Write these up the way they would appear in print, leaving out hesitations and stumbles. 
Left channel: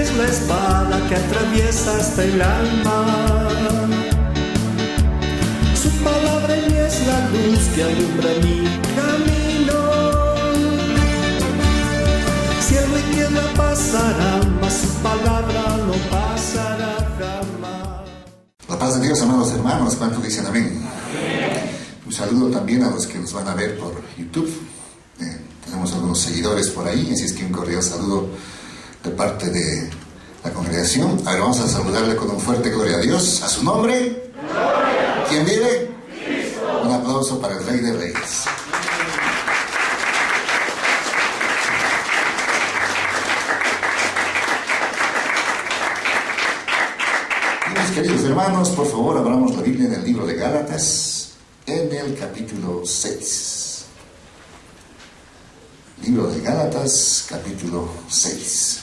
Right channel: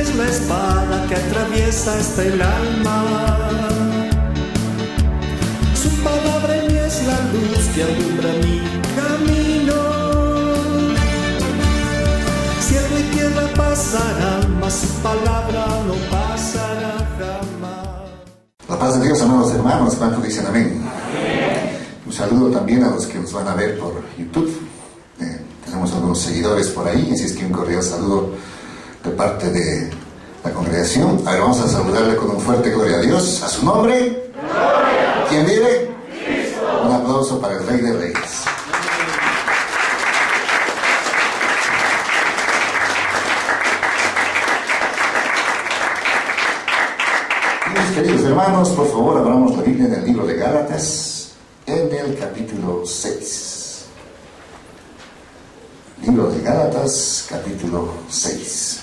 es la espada que atraviesa hasta el alma. Su palabra en mí es la luz que alumbra mi camino. Cielo y tierra pasarán, mas su palabra no pasará jamás. La paz de Dios, amados hermanos, ¿cuántos dicen amén? Un saludo también a los que nos van a ver por YouTube. Tenemos algunos seguidores por ahí, así es que un cordial saludo de parte de la congregación. A ver, vamos a saludarle con un fuerte gloria a Dios. ¿A su nombre? ¡Gloria! ¿Quién vive? Cristo. Un aplauso para el Rey de Reyes. Mis queridos hermanos, por favor, abramos la Biblia en el libro de Gálatas, en el capítulo 6. Libro de Gálatas, capítulo 6.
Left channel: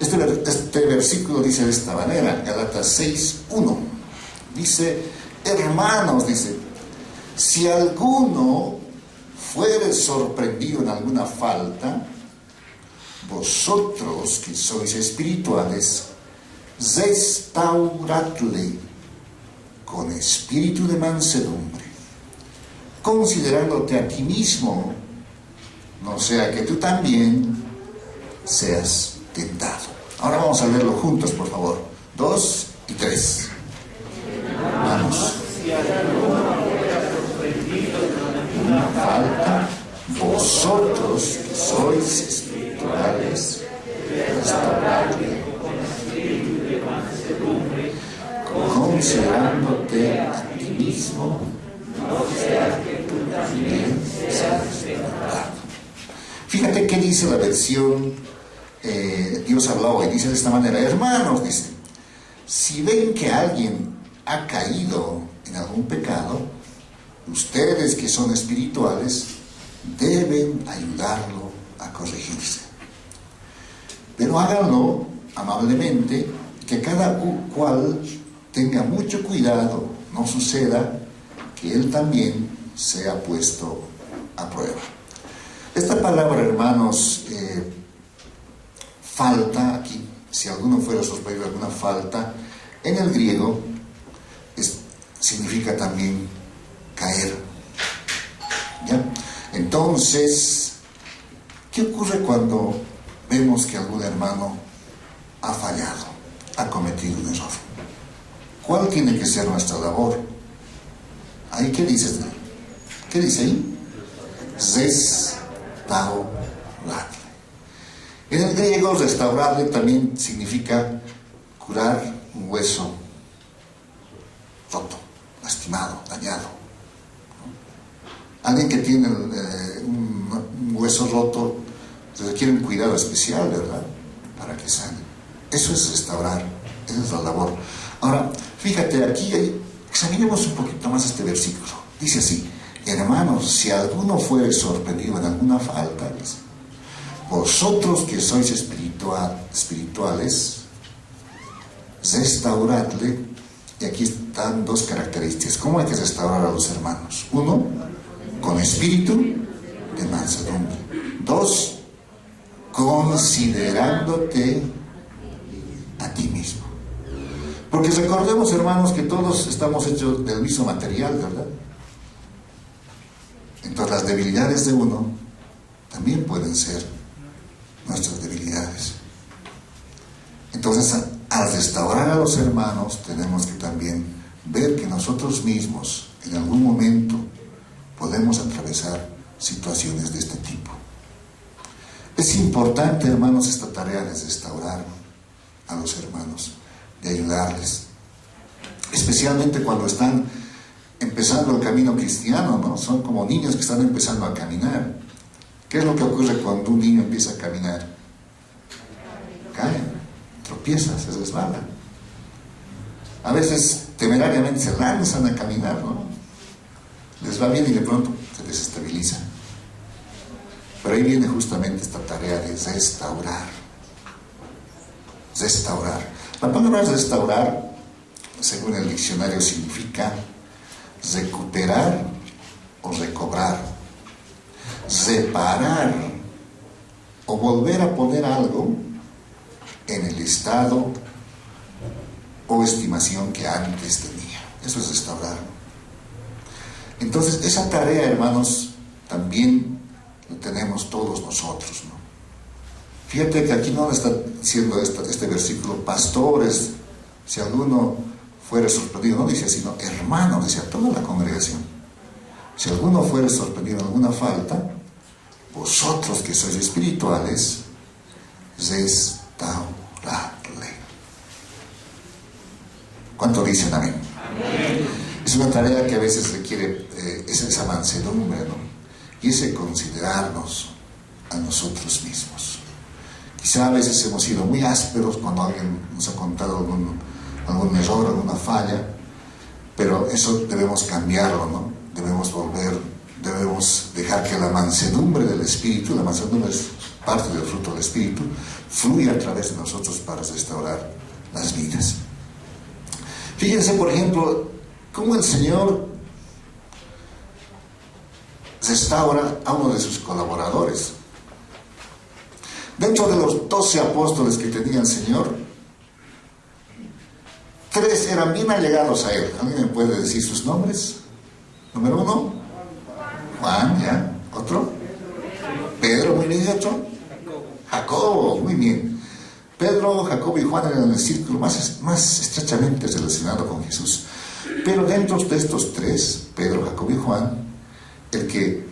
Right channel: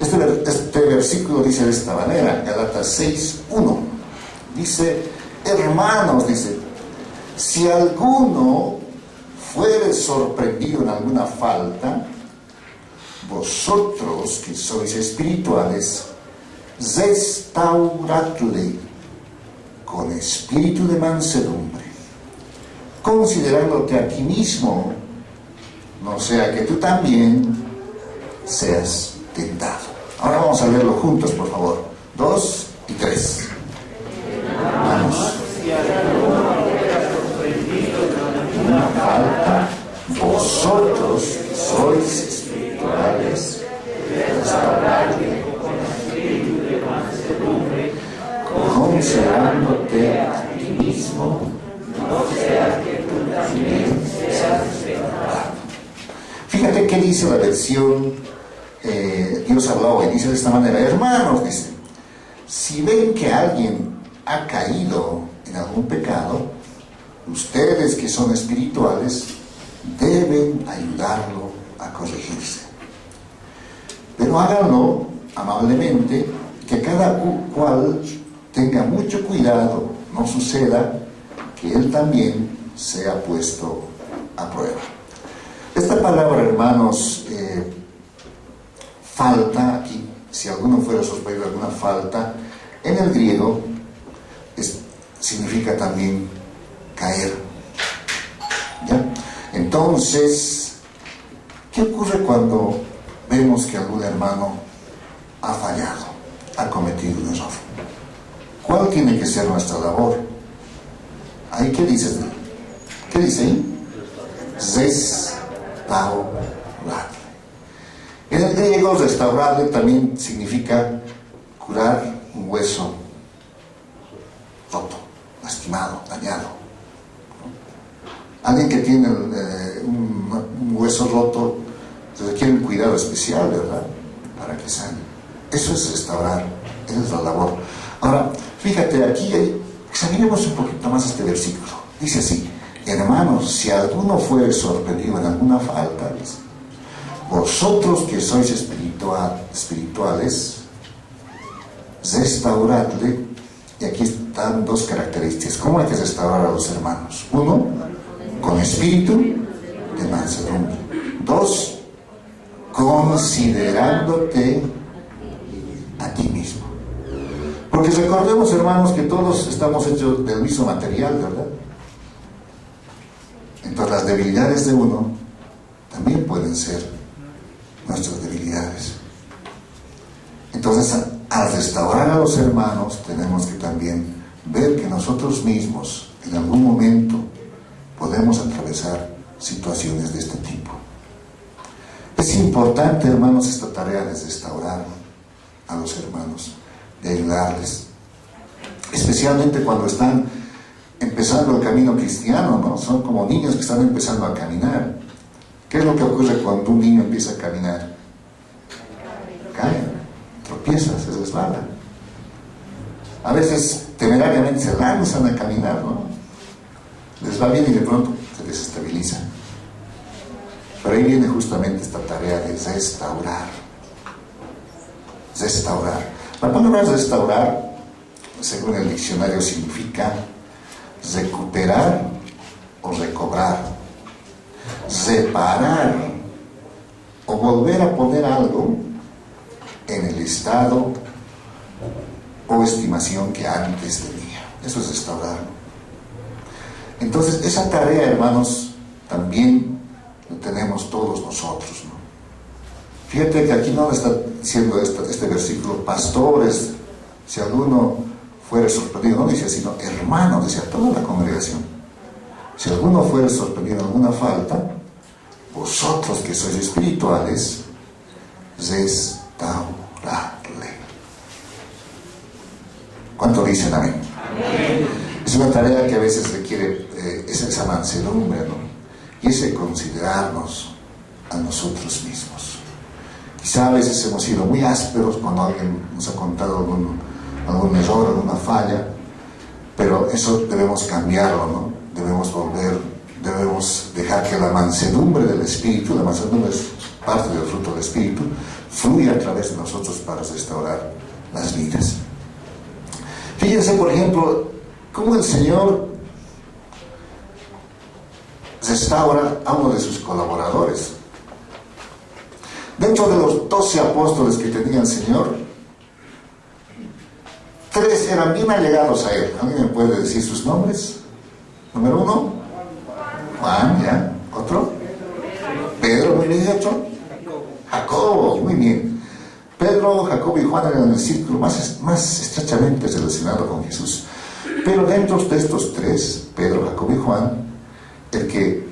Este versículo dice de esta manera, Gálatas 6, 1. Dice, hermanos, dice, si alguno fuere sorprendido en alguna falta, vosotros que sois espirituales, restauradle con espíritu de mansedumbre, considerándote a ti mismo, no sea que tú también seas tentado. Ahora vamos a leerlo juntos, por favor. 2 y 3. Vamos. Una falta, vosotros que sois espirituales, restauradle considerándote a ti mismo, no sea que tú también seas tentado. Fíjate qué dice la versión Dios habló hoy. Dice de esta manera, hermanos, dice, si ven que alguien ha caído en algún pecado, ustedes que son espirituales deben ayudarlo a corregirse. Pero háganlo amablemente, que cada cual tenga mucho cuidado, no suceda que él también sea puesto a prueba. Esta palabra, hermanos, falta aquí, si alguno fuera sorprendido de alguna falta, en el griego significa también caer. ¿Ya? Entonces, ¿qué ocurre cuando vemos que algún hermano ha fallado, ha cometido un error? ¿Cuál tiene que ser nuestra labor? ¿Ahí qué dice? ¿Qué dice ahí? Restauradle. En el griego, restaurarle también significa curar un hueso roto, lastimado, dañado. Alguien que tiene un hueso roto requiere un cuidado especial, ¿verdad? Para que sane. Eso es restaurar, esa es la labor. Ahora, fíjate, aquí examinemos un poquito más este versículo. Dice así, hermanos, si alguno fuere sorprendido en alguna falta, dice, vosotros que sois espirituales, restauradle. Y aquí están dos características. ¿Cómo hay que restaurar a los hermanos? 1, con espíritu de mansedumbre. 2, considerándote a ti mismo. Porque recordemos, hermanos, que todos estamos hechos del mismo material, ¿verdad? Entonces las debilidades de uno también pueden ser nuestras debilidades. Entonces, al restaurar a los hermanos, tenemos que también ver que nosotros mismos, en algún momento, podemos atravesar situaciones de este tipo. Es importante, hermanos, esta tarea de restaurar a los hermanos, de ayudarles, especialmente cuando están empezando el camino cristiano, ¿no? Son como niños que están empezando a caminar. ¿Qué es lo que ocurre cuando un niño empieza a caminar? Cae, tropieza, se resbala. A veces temerariamente se lanzan a caminar, ¿no? Les va bien y de pronto se desestabilizan. Pero ahí viene justamente esta tarea de restaurar. Restaurar. La palabra restaurar, según el diccionario, significa recuperar o recobrar, reparar o volver a poner algo en el estado o estimación que antes tenía. Eso es restaurarlo. Entonces, esa tarea, hermanos, también lo tenemos todos nosotros, ¿no? Fíjate que aquí no está diciendo este versículo, pastores, si alguno fuera sorprendido, no dice sino hermanos, decía toda la congregación. Si alguno fuera sorprendido en alguna falta, vosotros que sois espirituales, restauradle. ¿Cuánto dicen amén? Amén. Es una tarea que a veces requiere esa mansedumbre, ¿no? Y ese considerarnos a nosotros mismos. Quizá a veces hemos sido muy ásperos cuando alguien nos ha contado algún error, alguna falla, pero eso debemos cambiarlo, ¿no? Debemos dejar que la mansedumbre del Espíritu, la mansedumbre es parte del fruto del Espíritu, fluya a través de nosotros para restaurar las vidas. Fíjense, por ejemplo, cómo el Señor restaura a uno de sus colaboradores. Dentro de los 12 apóstoles que tenía el Señor, 3 eran bien allegados a Él. ¿Alguien me puede decir sus nombres? Número 1, Juan, ¿ya? ¿Otro? Pedro, muy bien. ¿Otro? Jacobo, muy bien. Pedro, Jacobo y Juan eran el círculo más estrechamente relacionado con Jesús. Pero dentro de estos 3, Pedro, Jacobo y Juan, el que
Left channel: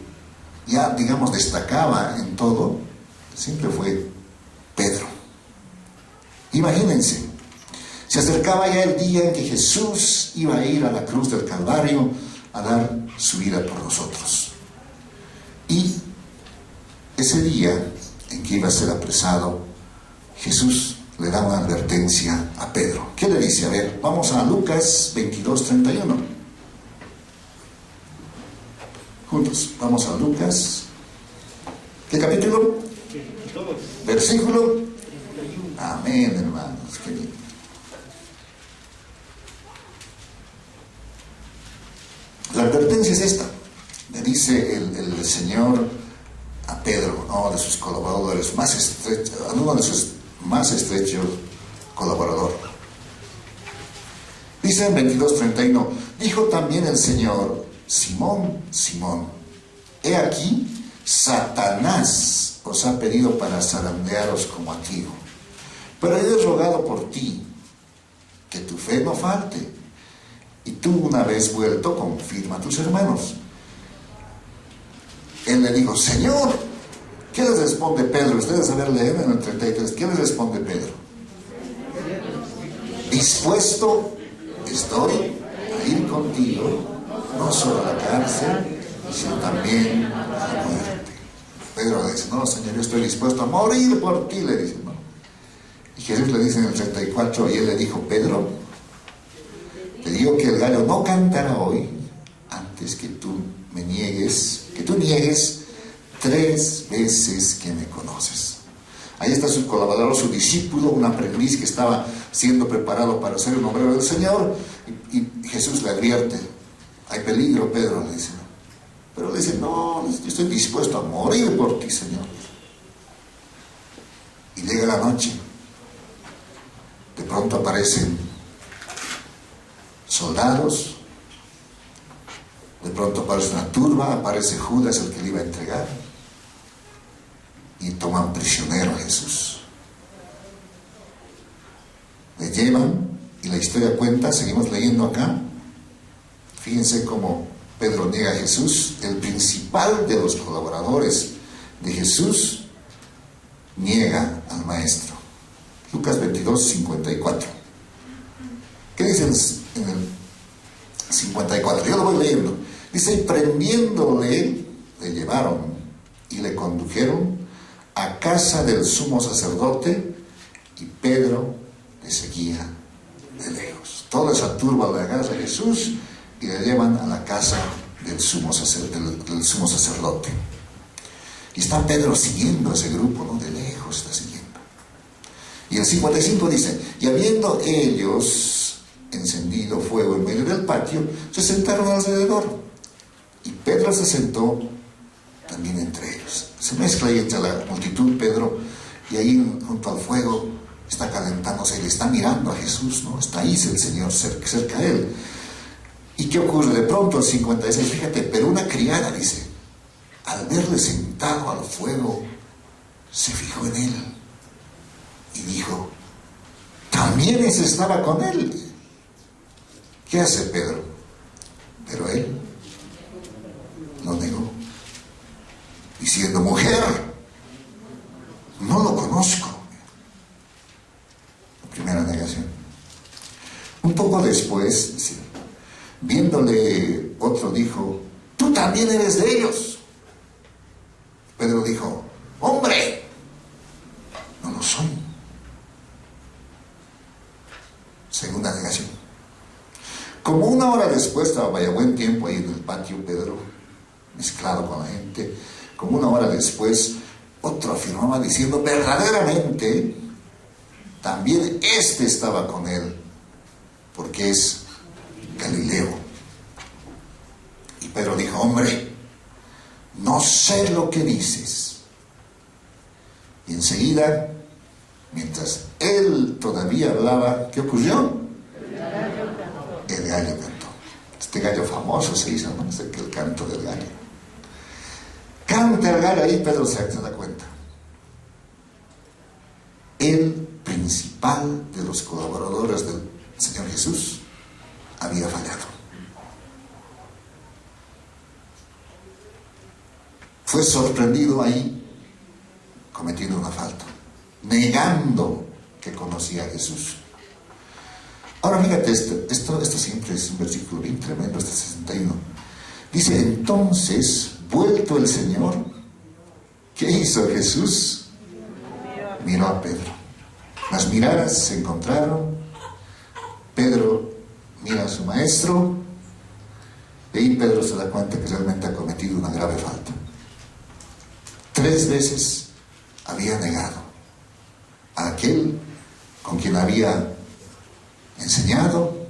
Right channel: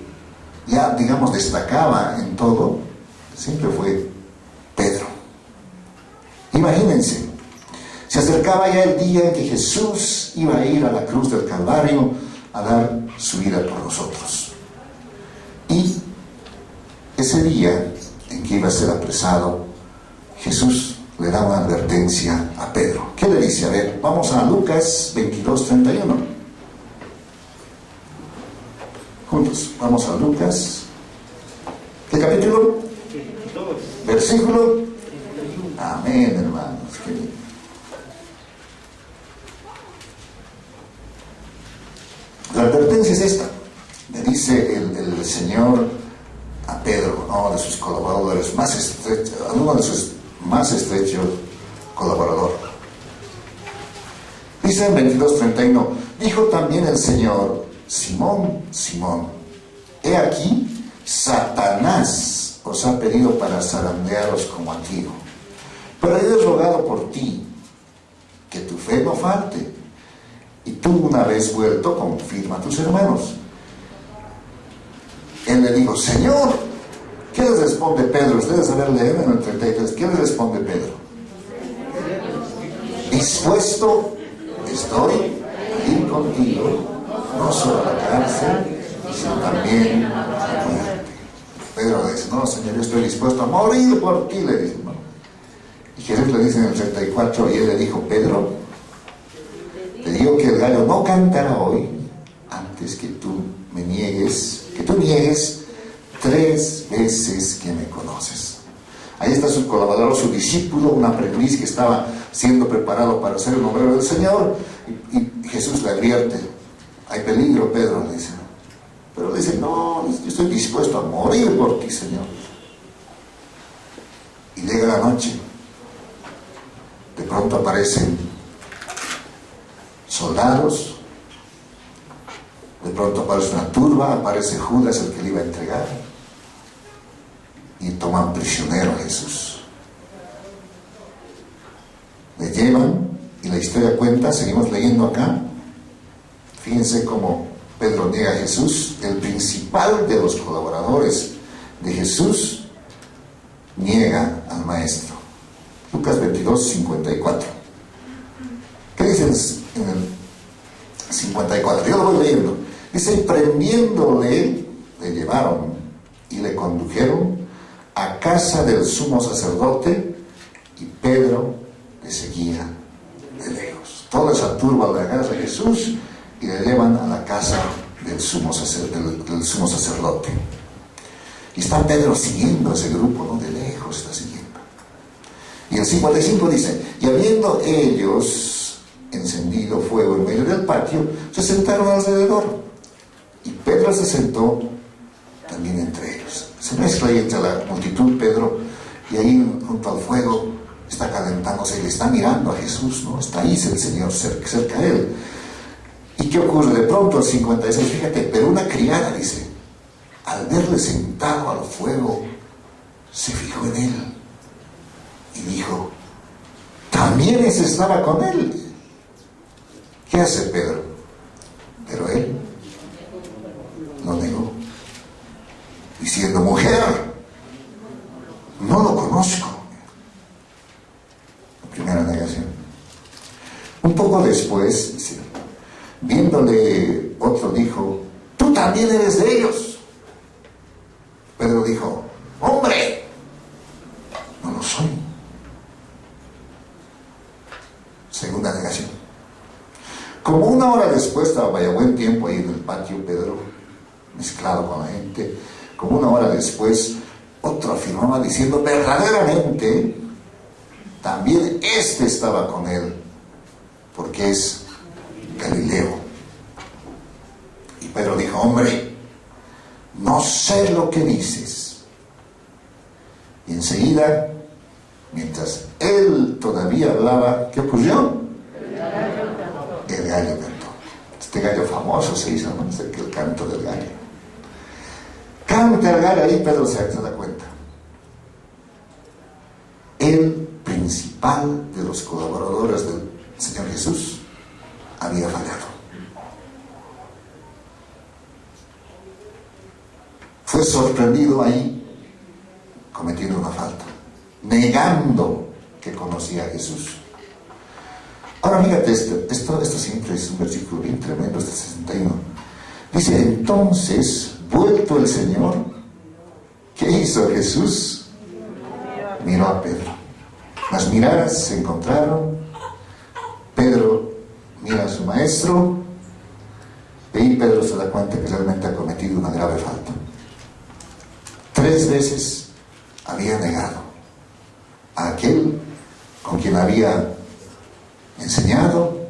ya, digamos, destacaba en todo, siempre fue Pedro. Imagínense, se acercaba ya el día en que Jesús iba a ir a la cruz del Calvario a dar su vida por nosotros. Y ese día en que iba a ser apresado, Jesús le da una advertencia a Pedro. ¿Qué le dice? A ver, vamos a Lucas 22:31. Juntos, vamos a Lucas. ¿Qué capítulo? 22. Versículo. Amén, hermanos. Qué bien. La advertencia es esta. Le dice el Señor a Pedro, uno de sus colaboradores más estrechos, uno de sus más estrechos colaborador. Dice en 22:31, dijo también el Señor, Simón, Simón, he aquí, Satanás os ha pedido para zarandearos como a trigo, pero yo he rogado por ti, que tu fe no falte, y tú una vez vuelto, confirma a tus hermanos. Él le dijo, Señor, ¿qué les responde Pedro? Ustedes saben leer en el 33, ¿qué les responde Pedro? Dispuesto estoy a ir contigo, no solo a la cárcel, sino también a la muerte. Pedro le dice, no, Señor, yo estoy dispuesto a morir por ti, le dice, ¿no? Y Jesús le dice en el 34, y él le dijo, Pedro, te digo que el gallo no cantará hoy antes que tú me niegues, que tú niegues 3 veces que me conoces. Ahí está su colaborador, su discípulo, un aprendiz que estaba siendo preparado para ser el obrero del Señor, y Jesús le advierte, hay peligro, Pedro, le dice. Pero le dice, no, yo estoy dispuesto a morir por ti, Señor. Y llega la noche, de pronto aparecen soldados, de pronto aparece una turba, aparece Judas, el que le iba a entregar, y toman prisionero a Jesús. Le llevan, y la historia cuenta, seguimos leyendo acá, fíjense cómo Pedro niega a Jesús, el principal de los colaboradores de Jesús niega al Maestro. Lucas 22:54. ¿Qué dice en el 54? Yo lo voy leyendo. Dice, y prendiéndole, le llevaron y le condujeron a casa del sumo sacerdote, y Pedro le seguía de lejos. Toda esa turba le agarra a Jesús y le llevan a la casa del sumo sacerdote. Y está Pedro siguiendo a ese grupo, ¿no? De lejos está siguiendo. Y el 55 dice, y habiendo ellos encendido fuego en medio del patio, se sentaron alrededor. Y Pedro se sentó también entre ellos. Se mezcla ahí entre la multitud Pedro, y ahí junto al fuego está calentándose y le está mirando a Jesús, ¿no? Está ahí el Señor cerca de él. ¿Y qué ocurre? De pronto al 56, fíjate, pero una criada, dice, al verle sentado al fuego, se fijó en él y dijo, también ese estaba con él. ¿Qué hace Pedro? Pero él lo negó, diciendo, mujer, no lo conozco. La primera negación. Un poco después, dice, viéndole, otro dijo, tú también eres de ellos. Pedro dijo, hombre, no lo soy. Segunda negación. Como una hora después, estaba vaya buen tiempo ahí en el patio Pedro, mezclado con la gente. Como una hora después, otro afirmaba diciendo, verdaderamente, también este estaba con él, porque es Galileo. Y Pedro dijo, hombre, no sé lo que dices. Y enseguida, mientras él todavía hablaba, ¿qué ocurrió? El gallo cantó. Este gallo famoso se hizo, ¿no? Es el canto del gallo. Canta el gallo ahí, Pedro se da cuenta. El principal de los colaboradores del Señor Jesús había fallado. Fue sorprendido ahí cometiendo una falta, negando que conocía a Jesús. Ahora fíjate, esto siempre es un versículo bien tremendo, este 61. Dice, entonces, vuelto el Señor, ¿qué hizo Jesús? Miró a Pedro. Las miradas se encontraron. Pedro mira a su maestro. Y ahí Pedro se da cuenta que realmente ha cometido una grave falta. 3 veces había negado a aquel con quien había enseñado,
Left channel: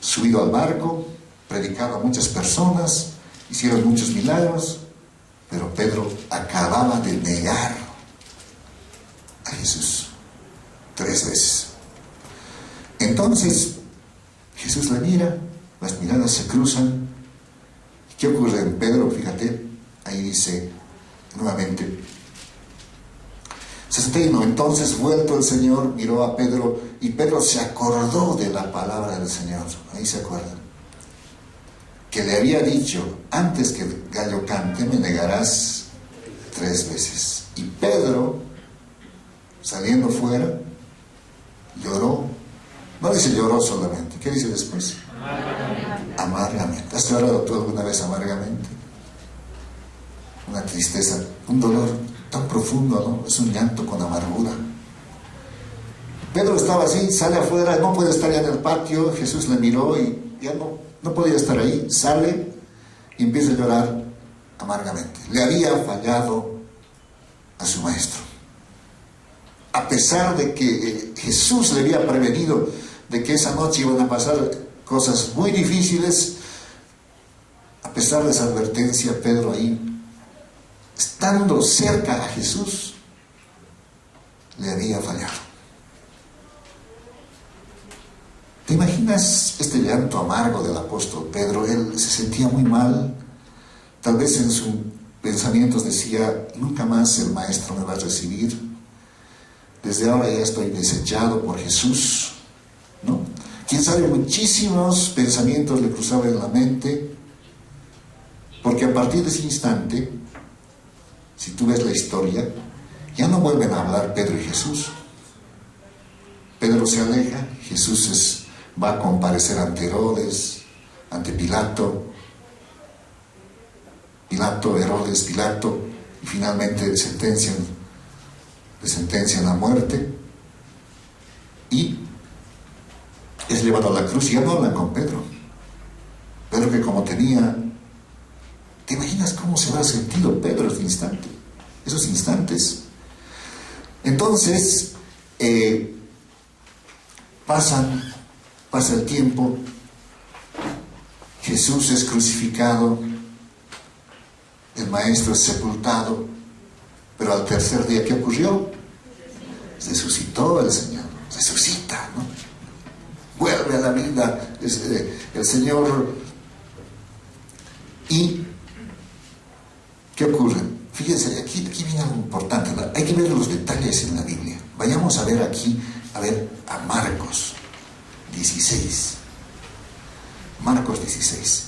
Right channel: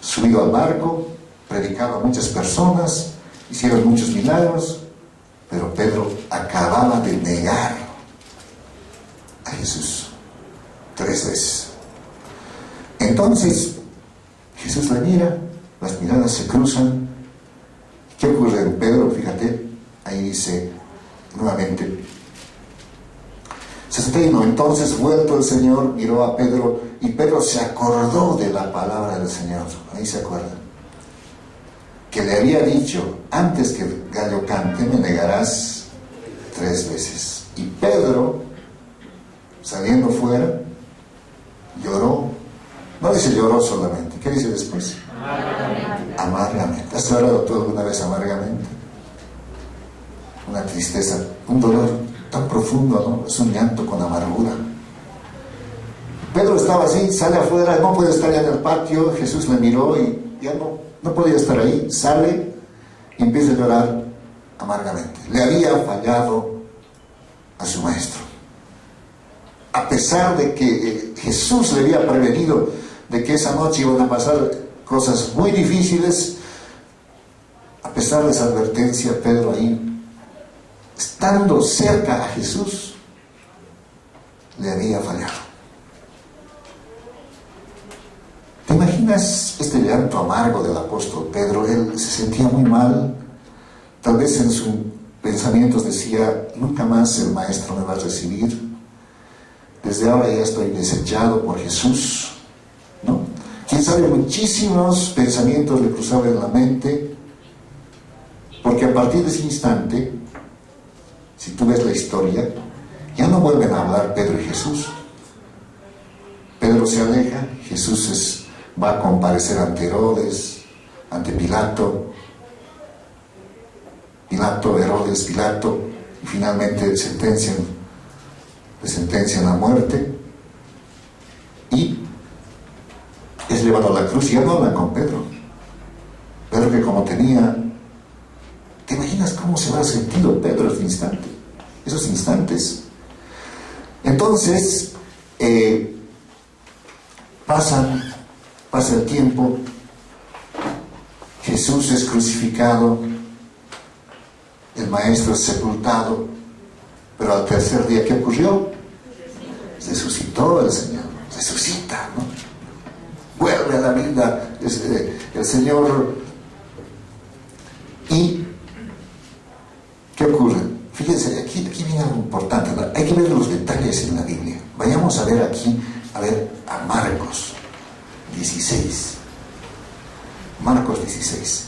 subido al barco, predicado a muchas personas, hicieron muchos milagros, pero Pedro acababa de negar a Jesús 3 veces. Entonces Jesús le mira, las miradas se cruzan. ¿Qué ocurre en Pedro? Fíjate, ahí dice nuevamente 61. Entonces, vuelto el Señor, miró a Pedro, y Pedro se acordó de la palabra del Señor. Ahí se acuerdan. Que le había dicho, antes que el gallo cante, me negarás 3 veces. Y Pedro, saliendo fuera, lloró. No dice lloró solamente. ¿Qué dice después? Amargamente. ¿Has llorado tú alguna vez amargamente? Una tristeza, un dolor tan profundo, ¿no? Es un llanto con amargura. Pedro estaba así, sale afuera, no puede estar ya en el patio. Jesús le miró y ya no podía estar ahí. Sale y empieza a llorar amargamente. Le había fallado a su maestro. A pesar de que Jesús le había prevenido de que esa noche iban a pasar cosas muy difíciles, a pesar de esa advertencia, Pedro ahí, estando cerca a Jesús, le había fallado. ¿Te imaginas este llanto amargo del apóstol Pedro? Él se sentía muy mal. Tal vez en sus pensamientos decía, nunca más el maestro me va a recibir. Desde ahora ya estoy desechado por Jesús, ¿no? Quién sabe, muchísimos pensamientos le cruzaban en la mente, porque a partir de ese instante, si tú ves la historia, ya no vuelven a hablar Pedro y Jesús. Pedro se aleja, Jesús va a comparecer ante Herodes, ante Pilato, Herodes, Pilato, y finalmente le sentencian a muerte, y es llevado a la cruz. Y ya no hablan con Pedro. Pedro, que como tenía... ¿Te imaginas cómo se habrá sentido Pedro esos instantes? Entonces, pasa el tiempo, Jesús es crucificado, el maestro es sepultado, pero al tercer día, ¿qué ocurrió? Resucitó el Señor, resucita, ¿no? Vuelve a la vida el Señor. ¿Y qué ocurre? Fíjense, aquí viene algo importante, ¿no? Hay que ver los detalles en la Biblia. Vayamos a ver aquí, a Marcos 16. Marcos 16.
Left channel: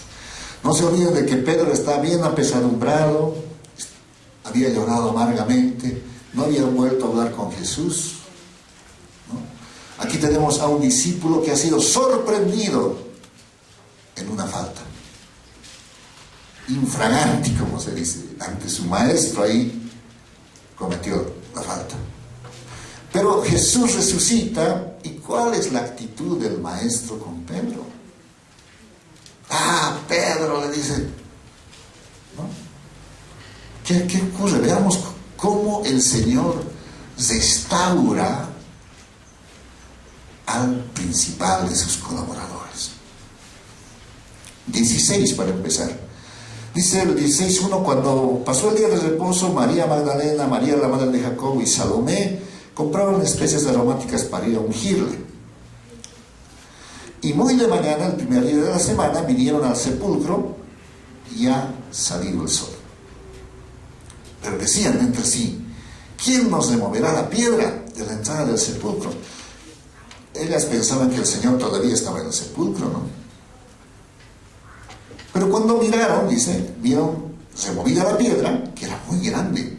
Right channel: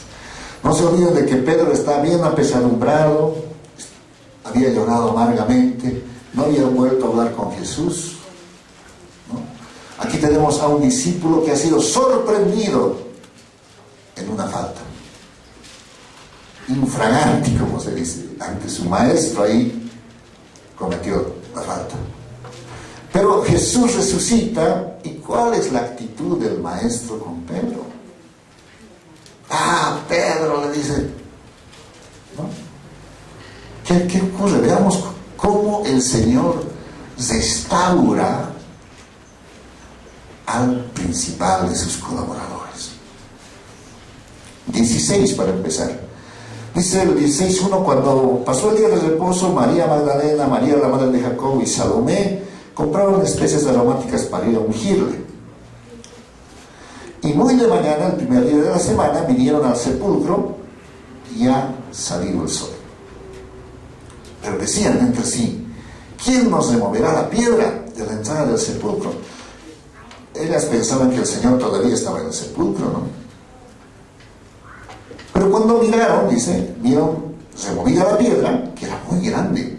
No se olviden de que Pedro está bien apesadumbrado, había llorado amargamente, no había vuelto a hablar con Jesús, ¿no? Aquí tenemos a un discípulo que ha sido sorprendido en una falta. Infraganti, como se dice, ante su maestro ahí cometió la falta. Pero Jesús resucita, ¿y cuál es la actitud del maestro con Pedro? Ah, Pedro, le dice, ¿no? ¿Qué ocurre? Veamos cómo el Señor restaura al principal de sus colaboradores. 16 para empezar. Dice el 16:1, cuando pasó el día de reposo, María Magdalena, María la madre de Jacobo y Salomé compraron especies aromáticas para ir a ungirle. Y muy de mañana, el primer día de la semana, vinieron al sepulcro y ha salido el sol. Pero decían entre sí, ¿quién nos removerá la piedra de la entrada del sepulcro? Ellas pensaban que el Señor todavía estaba en el sepulcro, ¿no? Pero cuando miraron, dice, vieron removida la piedra, que era muy grande.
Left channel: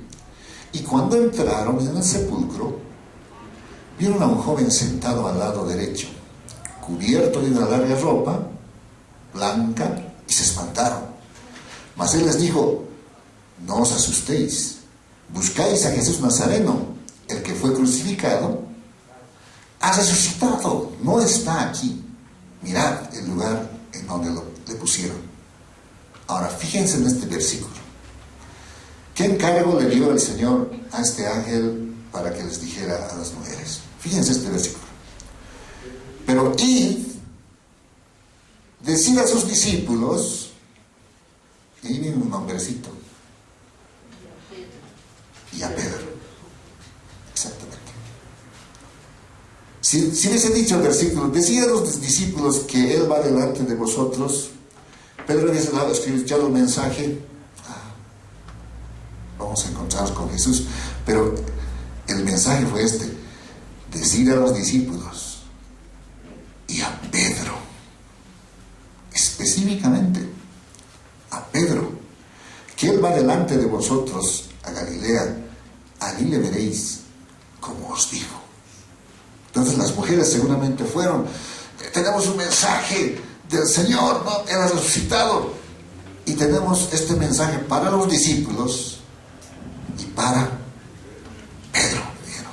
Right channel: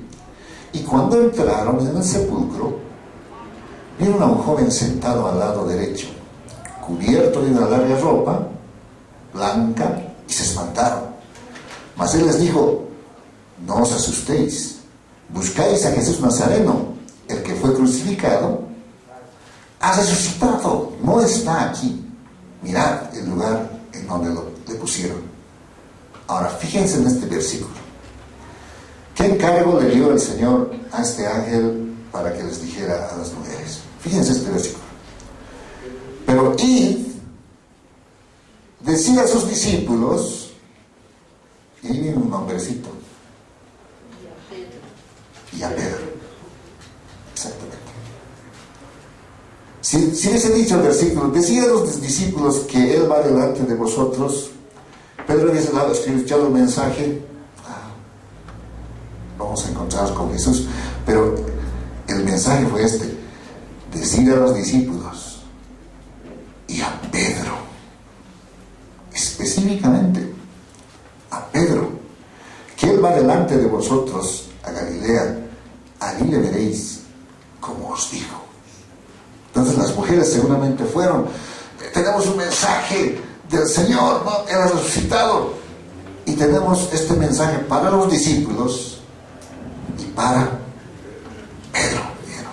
Y cuando entraron en el sepulcro, vieron a un joven sentado al lado derecho, cubierto de una larga ropa blanca, y se espantaron. Mas él les dijo, no os asustéis, buscáis a Jesús Nazareno, el que fue crucificado, ha resucitado, no está aquí. Mirad el lugar en donde le pusieron. Ahora, fíjense en este versículo. ¿Qué encargo le dio el Señor a este ángel para que les dijera a las mujeres? Fíjense este versículo. Pero id, decid a sus discípulos, y ahí viene un nombrecito, y a Pedro. Exactamente. Si hubiese dicho el versículo, decid a los discípulos que Él va delante de vosotros, Pedro hubiese dado escuchado el mensaje, vamos a encontrarnos con Jesús, pero el mensaje fue este, decid a los discípulos y a Pedro, específicamente a Pedro, que Él va delante de vosotros a Galilea, allí le veréis como os digo. Entonces las mujeres seguramente fueron, tenemos un mensaje del Señor, ¿no? Él ha resucitado, y tenemos este mensaje para los discípulos y para Pedro. ¿Vieron?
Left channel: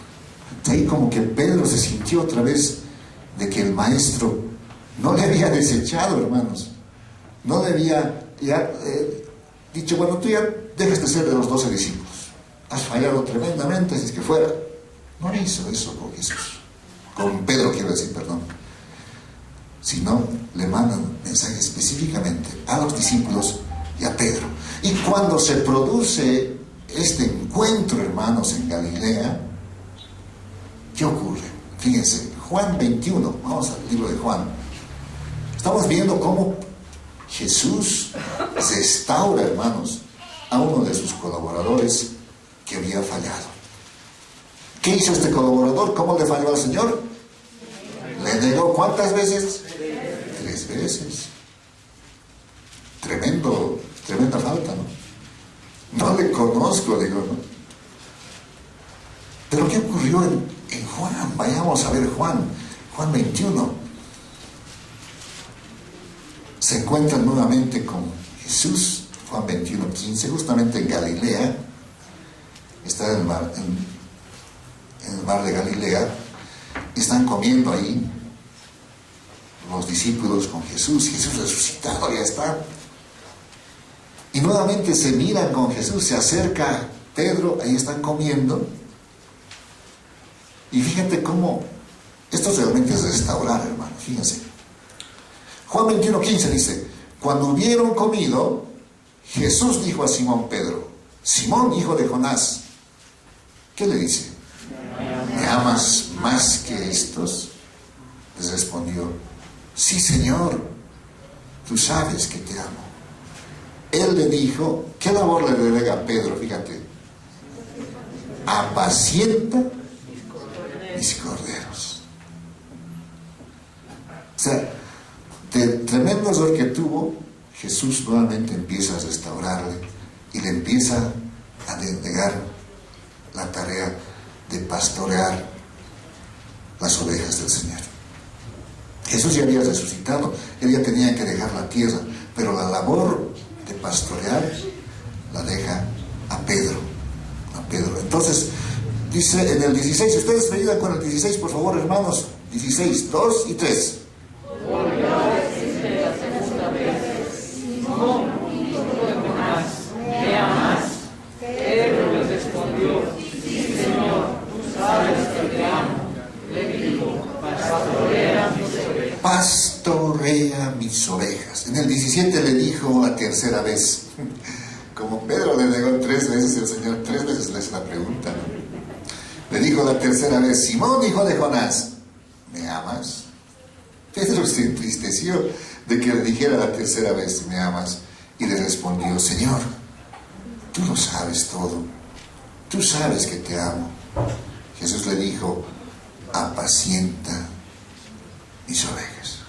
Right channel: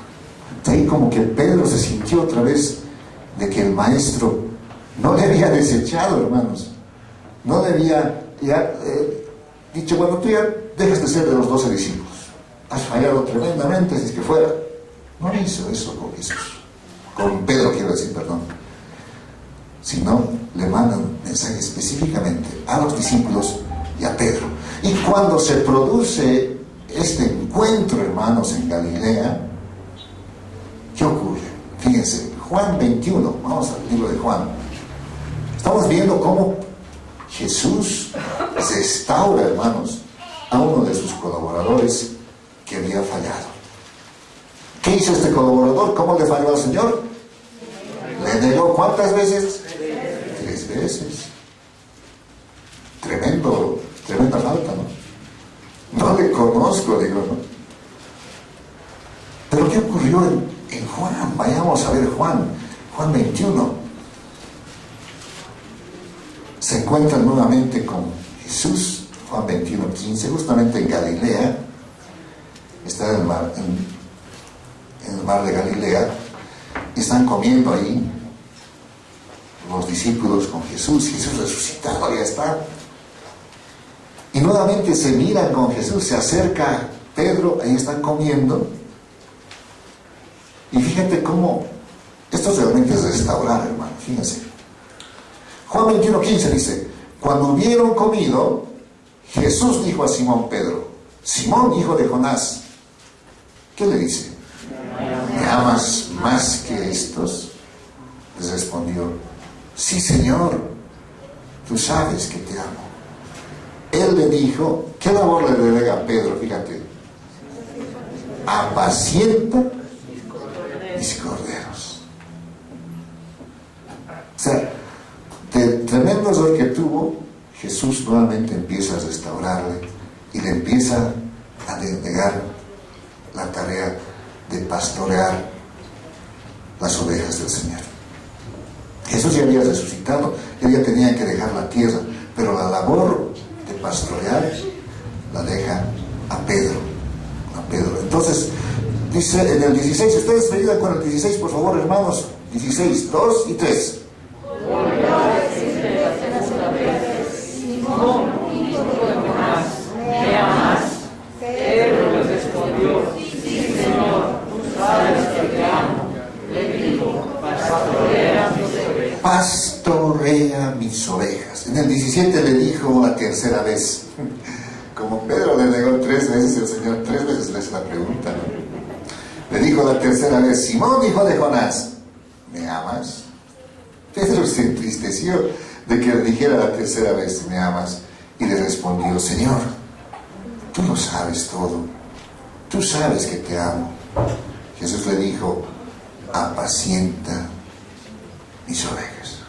Ahí como que Pedro se sintió otra vez de que el maestro no le había desechado, hermanos, no le había dicho, bueno, tú ya dejas de ser de los 12 discípulos, has fallado tremendamente, si es que fuera. No hizo eso con Jesús, con Pedro quiero decir, perdón, sino le mandan mensaje específicamente a los discípulos y a Pedro. Y cuando se produce este encuentro, hermanos, en Galilea, ¿qué ocurre? Fíjense, Juan 21, vamos al libro de Juan. Estamos viendo cómo Jesús restaura, hermanos, a uno de sus colaboradores que había fallado. ¿Qué hizo este colaborador? ¿Cómo le falló al Señor? ¿Le negó cuántas veces? 3 veces. Tremenda falta, ¿no? No le conozco, digo, ¿no? Pero ¿qué ocurrió en Juan? Vayamos a ver Juan 21. Se encuentran nuevamente con Jesús, Juan 21:15, justamente en Galilea. Está en el mar de Galilea, y están comiendo ahí los discípulos con Jesús resucitado, ya está. Y nuevamente se miran con Jesús, se acerca Pedro, ahí están comiendo. Y fíjate cómo esto realmente es restaurar, hermano, fíjense. Juan 21:15 dice, cuando hubieron comido, Jesús dijo a Simón Pedro: Simón, hijo de Jonás, ¿qué le dice? ¿Me amas más que estos? Les respondió: sí, Señor, tú sabes que te amo. Él le dijo, ¿qué labor le delega a Pedro? Fíjate: apacienta mis corderos. O sea, del tremendo error que tuvo, Jesús nuevamente empieza a restaurarle y le empieza a delegar la tarea de pastorear las ovejas del Señor. Jesús ya había resucitado, él ya tenía que dejar la tierra, pero la labor de pastorear la deja a Pedro. Entonces, dice en el 16, ustedes me ayudan con el 16, por favor, hermanos. 16, 2 y 3. Pastorea mis ovejas. En el 17 le dijo la tercera vez. Como Pedro le negó 3 veces, el Señor 3 veces le hace la pregunta, ¿no? Le dijo la tercera vez: Simón, hijo de Jonás, ¿me amas? Pedro se entristeció de que le dijera la tercera vez: ¿me amas? Y le respondió: Señor, tú lo sabes todo, tú sabes que te amo. Jesús le dijo: apacienta mis ovejas.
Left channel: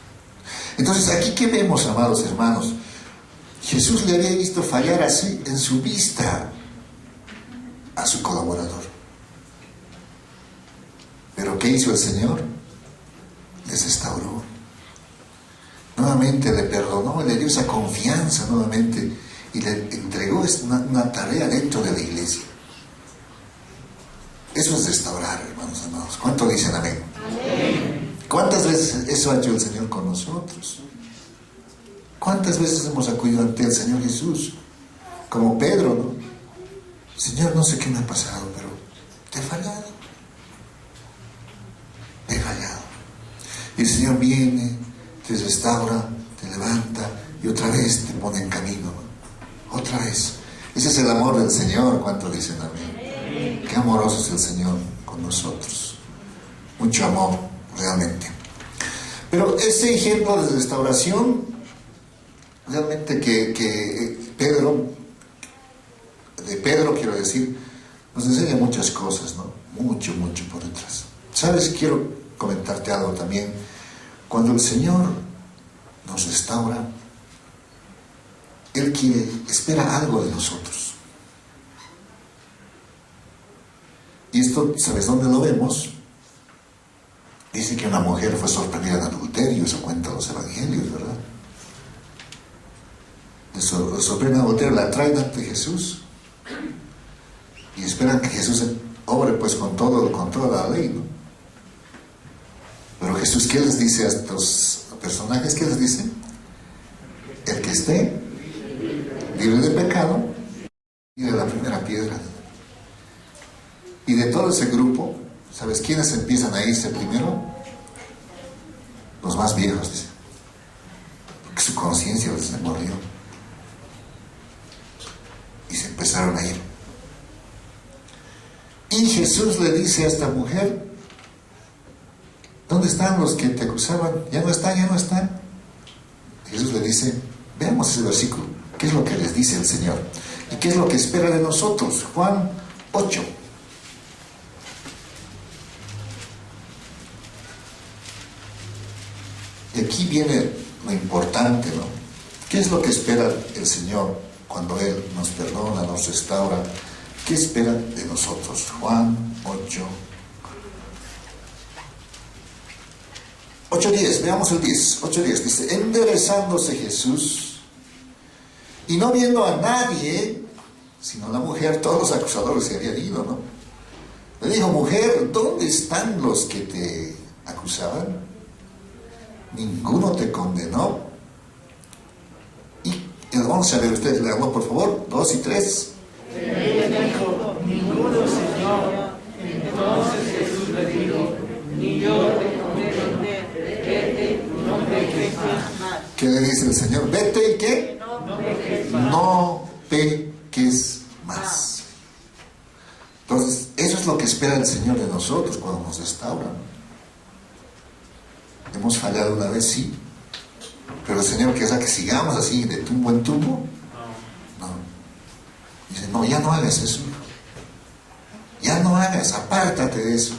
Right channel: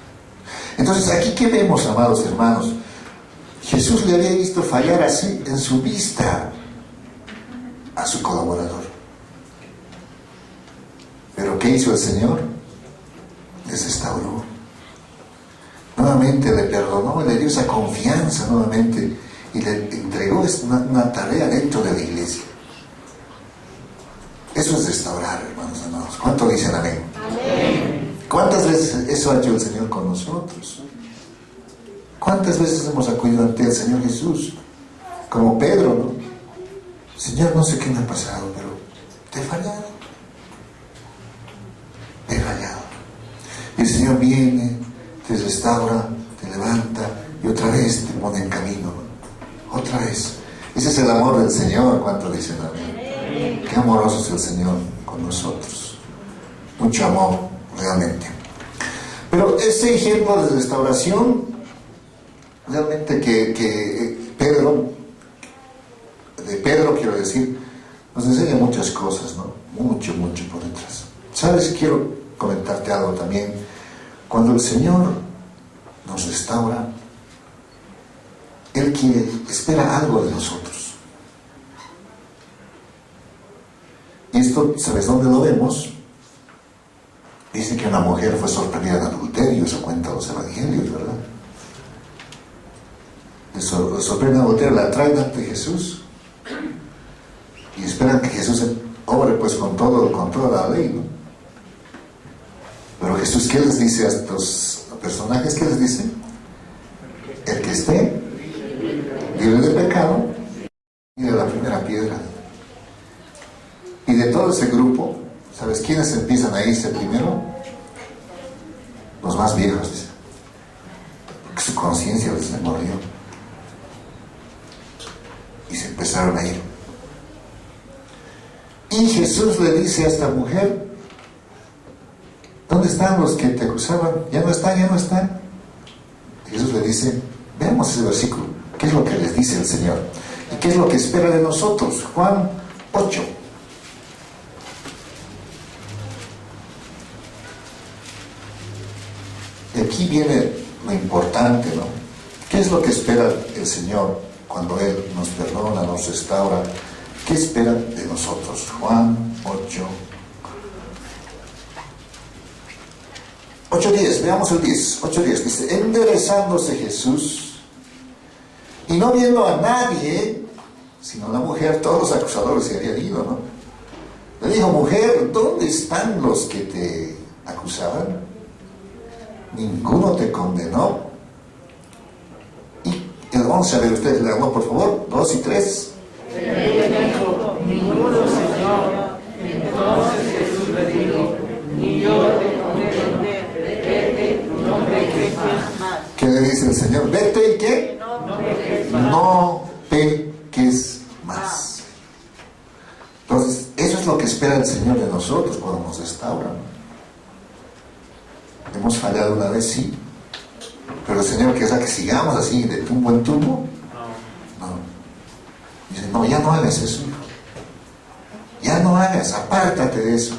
Entonces, aquí, ¿qué vemos, amados hermanos? Jesús le había visto fallar así en su vista a su colaborador. Pero ¿qué hizo el Señor? Les restauró. Nuevamente le perdonó, le dio esa confianza nuevamente y le entregó una tarea dentro de la iglesia. Eso es restaurar, hermanos amados. ¿Cuánto dicen amén? Amén. ¿Cuántas veces eso ha hecho el Señor con nosotros? ¿Cuántas veces hemos acudido ante el Señor Jesús? Como Pedro, ¿no? Señor, no sé qué me ha pasado, pero te he fallado. Te he fallado. Y el Señor viene, te restaura, te levanta y otra vez te pone en camino, ¿no? Otra vez. Ese es el amor del Señor. ¿Cuánto dicen amén? Qué amoroso es el Señor con nosotros. Mucho amor, realmente. Pero ese ejemplo de restauración, realmente que Pedro quiero decir, nos enseña muchas cosas, ¿no? Mucho por detrás. ¿Sabes? Quiero comentarte algo también. Cuando el Señor nos restaura, Él espera algo de nosotros. Y esto, ¿sabes dónde lo vemos? Dice que una mujer fue sorprendida en adulterio, eso cuenta los evangelios, ¿verdad? Le sorprende en adulterio, la traen ante Jesús y esperan que Jesús obre pues con toda la ley, ¿no? Pero Jesús, ¿qué les dice a estos personajes? ¿Qué les dice? El que esté libre de pecado, tire la primera piedra. Y de todo ese grupo, ¿sabes quiénes empiezan a irse primero? Los más viejos, dice. Porque su conciencia les demolió. Y se empezaron a ir. Y Jesús le dice a esta mujer: ¿dónde están los que te acusaban? Ya no están. Y Jesús le dice, veamos ese versículo, ¿qué es lo que les dice el Señor? ¿Y qué es lo que espera de nosotros? Juan 8. Y aquí viene lo importante, ¿no? ¿Qué es lo que espera el Señor cuando Él nos perdona, nos restaura? ¿Qué espera de nosotros? Juan 8:10, veamos el 10. 8:10 dice: enderezándose Jesús y no viendo a nadie, sino a la mujer, todos los acusadores se habían ido, ¿no? Le dijo: mujer, ¿dónde están los que te acusaban? Ninguno te condenó. Y el 11, a ver, ustedes leanlo por favor, 2 y 3. Ella dijo: ninguno, Señor. Entonces Jesús le dijo: ni yo te condeno, vete, no peques más. ¿Qué le dice el Señor? Vete y ¿qué? No ¿qué es más? Entonces, eso es lo que espera el Señor de nosotros cuando nos restaura. ¿Hemos fallado una vez? Sí. Pero el Señor querrá que sigamos así, de tumbo en tumbo. No. Dice, no, ya no hagas eso. Ya no hagas, apártate de eso.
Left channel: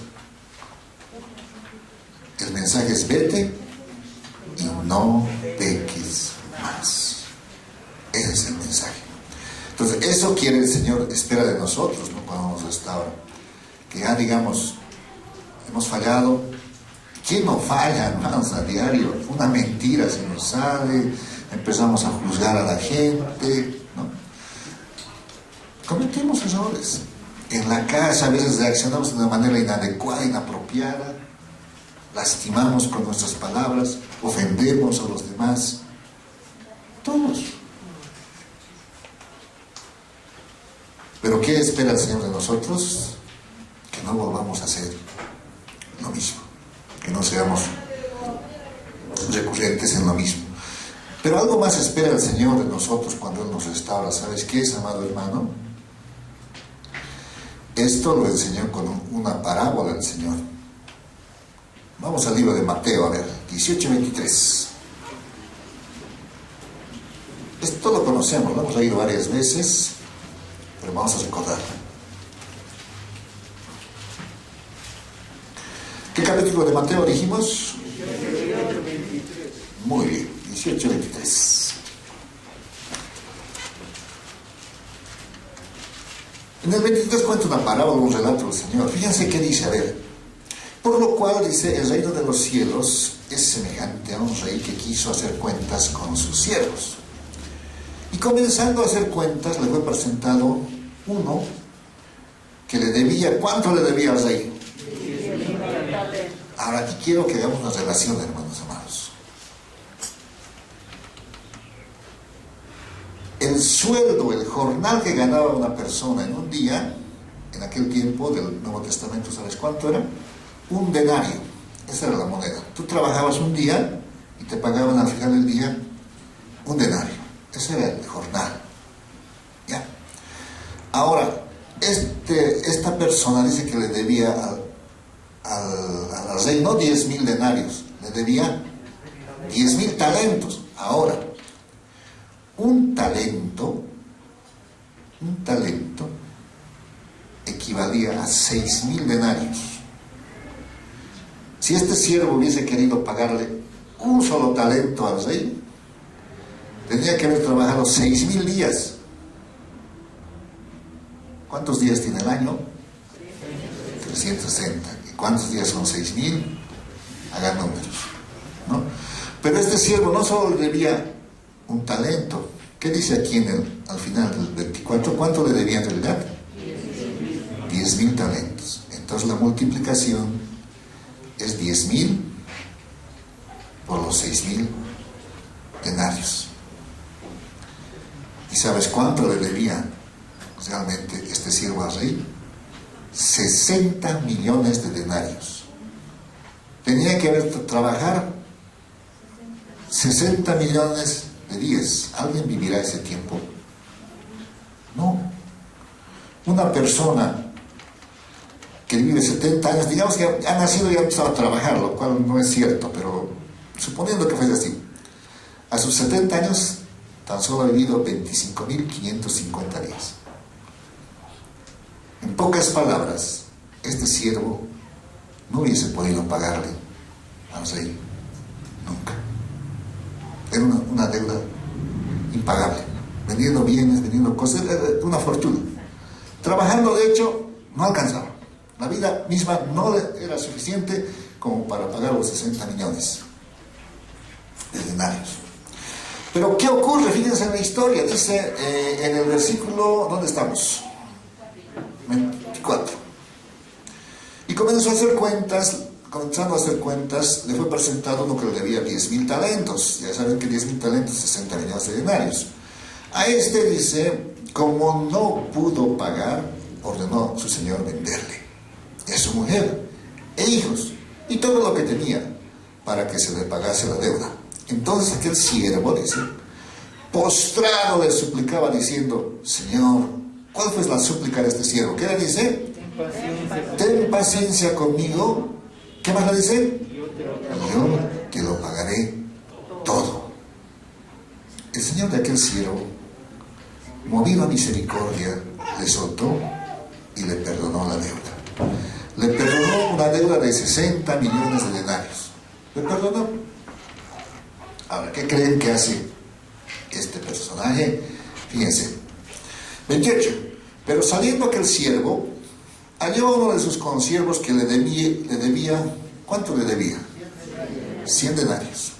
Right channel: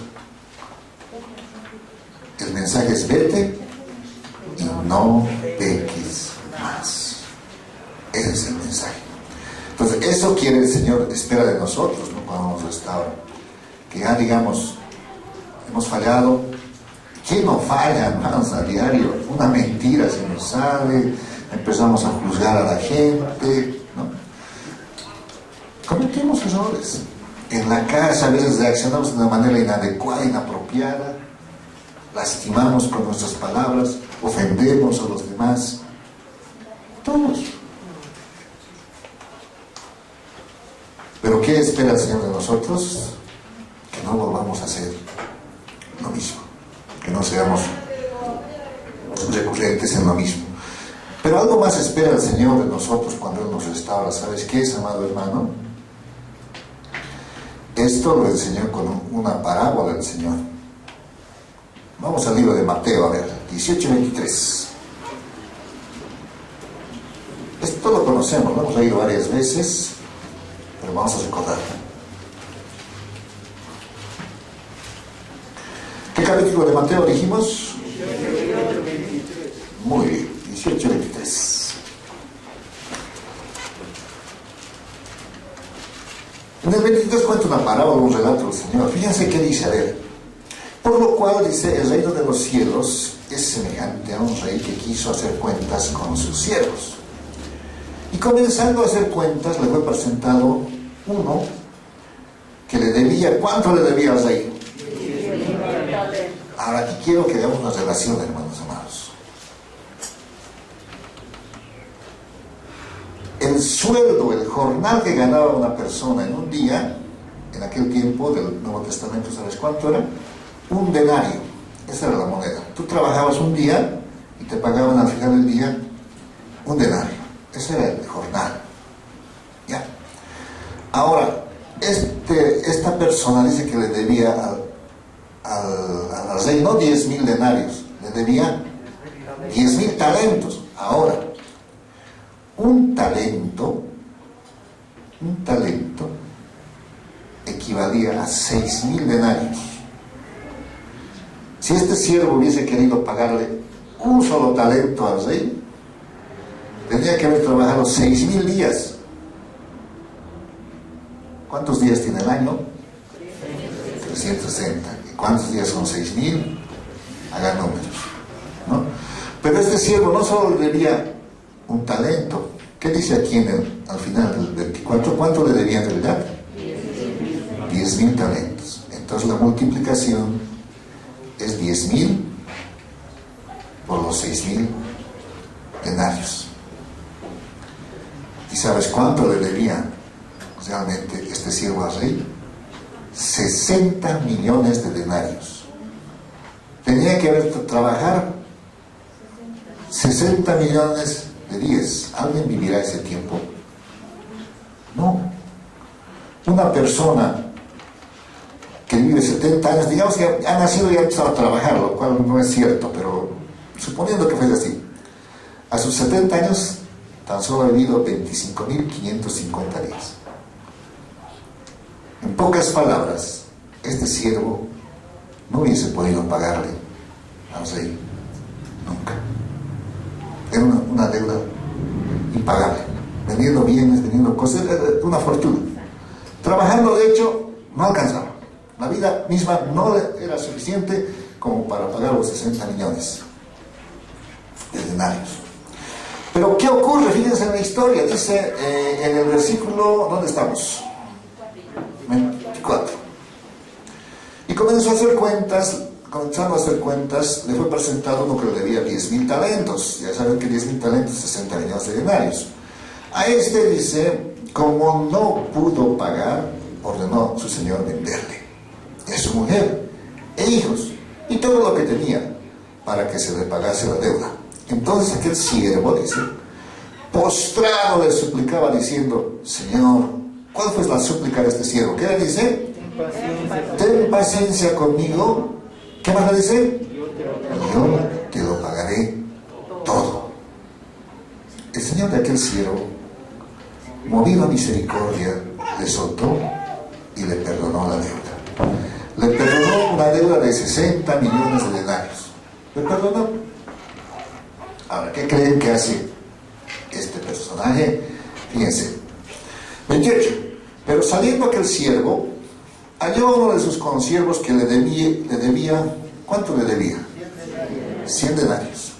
El mensaje es: vete y no peques más. Ese es el mensaje. Entonces, eso quiere el Señor, espera de nosotros, ¿no? Cuando nos restaura. Que ya digamos, hemos fallado. ¿Quién no falla, hermanos, a diario? Una mentira se nos sale, empezamos a juzgar a la gente, ¿no? Cometemos errores. En la casa a veces reaccionamos de una manera inadecuada, inapropiada, lastimamos con nuestras palabras, ofendemos a los demás. Todos. ¿Pero qué espera el Señor de nosotros? Que no volvamos a hacer lo mismo, que no seamos recurrentes en lo mismo. Pero algo más espera el Señor de nosotros cuando Él nos restaura. ¿Sabes qué es, amado hermano? Esto lo enseñó con una parábola del Señor. Vamos al libro de Mateo, a ver, 18:23. Esto lo conocemos, lo hemos leído varias veces, pero vamos a recordar. ¿Qué capítulo de Mateo dijimos? Muy bien, 18:23. En el 23 cuenta una parábola, un relato del Señor. Fíjense qué dice, a ver. Por lo cual, dice, el reino de los cielos es semejante a un rey que quiso hacer cuentas con sus siervos. Y comenzando a hacer cuentas, le fue presentado uno que le debía. ¿Cuánto le debía al rey? Ahora, aquí quiero que hagamos una relación, hermanos amados. El sueldo, el jornal que ganaba una persona en un día, en aquel tiempo del Nuevo Testamento, ¿sabes cuánto era? Un denario. Esa era la moneda. Tú trabajabas un día y te pagaban al final del día un denario. Ese era el jornal. ¿Ya? Ahora, esta persona dice que le debía al rey no 10,000 denarios, le debía 10,000 talentos. Ahora, un talento equivalía a 6,000 denarios. Si este siervo hubiese querido pagarle un solo talento al rey, tendría que haber trabajado 6,000 días. ¿Cuántos días tiene el año? 360. ¿Y cuántos días son 6,000? Hagan números, ¿no? Pero este siervo no solo le debía un talento. ¿Qué dice aquí al final del 24? ¿Cuánto le debía en realidad? 10,000 talentos. Entonces la multiplicación es 10,000 por los 6,000 denarios. ¿Y sabes cuánto le debía realmente este siervo al rey? 60 millones de denarios. Tenía que trabajar 60 millones de días. ¿Alguien vivirá ese tiempo? No. Una persona que vive 70 años, digamos que ha nacido y ha empezado a trabajar, lo cual no es cierto, pero suponiendo que fuese así, a sus 70 años tan solo ha vivido 25,550 días. En pocas palabras, este siervo no hubiese podido pagarle al rey nunca. Era una deuda impagable, vendiendo bienes, vendiendo cosas, una fortuna. Trabajando, de hecho, no alcanzaba. La vida misma no era suficiente como para pagar los 60 millones de denarios. Pero ¿qué ocurre? Fíjense en la historia. Dice en el versículo, ¿dónde estamos? 24. Y comenzando a hacer cuentas, le fue presentado uno que le debía 10,000 talentos. Ya saben que 10,000 talentos, 60 millones de denarios. A este dice, como no pudo pagar, ordenó su señor venderle, y a su mujer, e hijos, y todo lo que tenía, para que se le pagase la deuda. Entonces aquel siervo, dice, postrado le suplicaba diciendo: Señor, ¿cuál fue la súplica de este siervo? ¿Qué le dice? Ten paciencia conmigo. ¿Qué más le dice? Yo te lo pagaré todo. El Señor de aquel siervo, movido a misericordia, le soltó y le perdonó la deuda. Le perdonó una deuda de 60 millones de denarios. Le perdonó. Ahora, ¿qué creen que hace este personaje? Fíjense. 28. Pero saliendo aquel siervo, halló a uno de sus consiervos que le debía, ¿cuánto le debía? 100 denarios.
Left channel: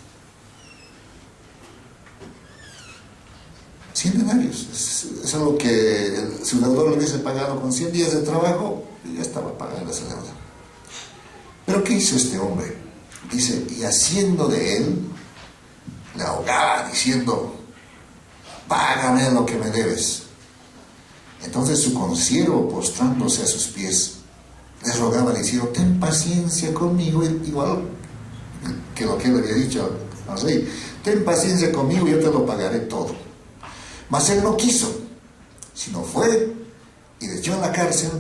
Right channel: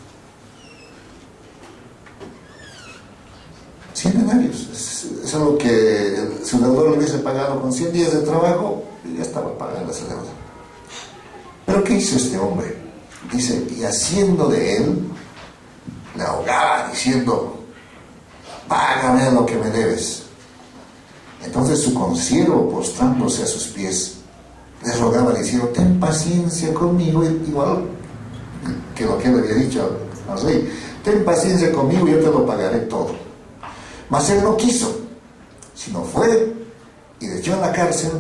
100 denarios. Eso es lo que su deudor le hubiese pagado con 100 días de trabajo, y ya estaba pagando esa deuda. Pero ¿qué hizo este hombre? Dice: y haciendo de él, le ahogaba diciendo: págame lo que me debes. Entonces su consiervo, postrándose a sus pies, le rogaba diciendo: ten paciencia conmigo, igual que lo que él había dicho al rey: ten paciencia conmigo y yo te lo pagaré todo. Mas él no quiso, sino fue y le echó en la cárcel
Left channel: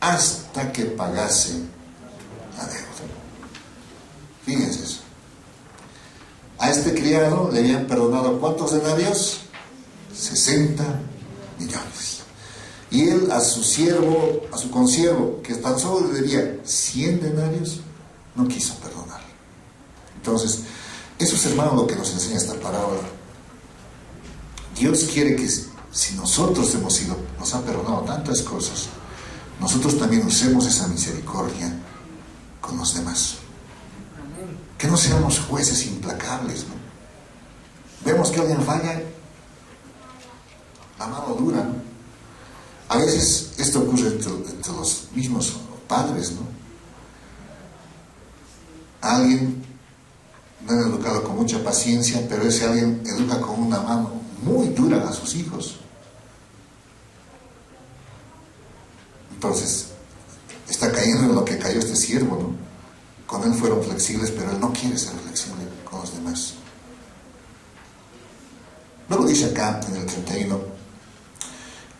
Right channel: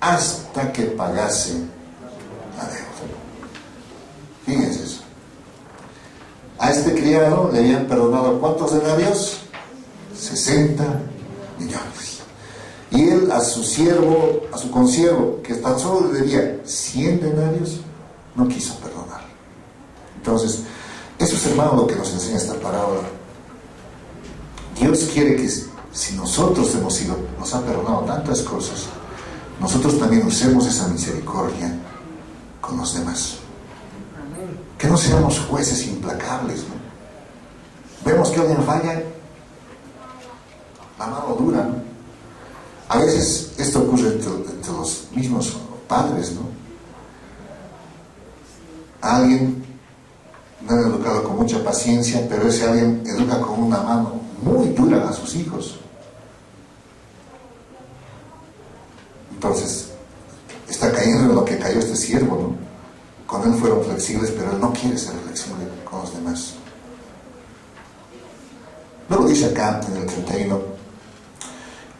hasta que pagase la deuda. Fíjense eso. A este criado le habían perdonado ¿cuántos denarios? 60 millones. Y él a su siervo, a su consiervo, que tan solo le debía 100 denarios, no quiso perdonar. Entonces, eso es, hermano, lo que nos enseña esta parábola. Dios quiere que, si nosotros nos ha perdonado tantas cosas, nosotros también usemos esa misericordia con los demás. Que no seamos jueces implacables, ¿no? Vemos que alguien falla, la mano dura, ¿no? A veces esto ocurre entre los mismos padres, ¿no? Alguien no es educado con mucha paciencia, pero ese alguien educa con una mano muy dura a sus hijos. Entonces, está cayendo en lo que cayó este siervo, ¿no? Con él fueron flexibles, pero él no quiere ser flexible con los demás. Luego dice acá en el 31:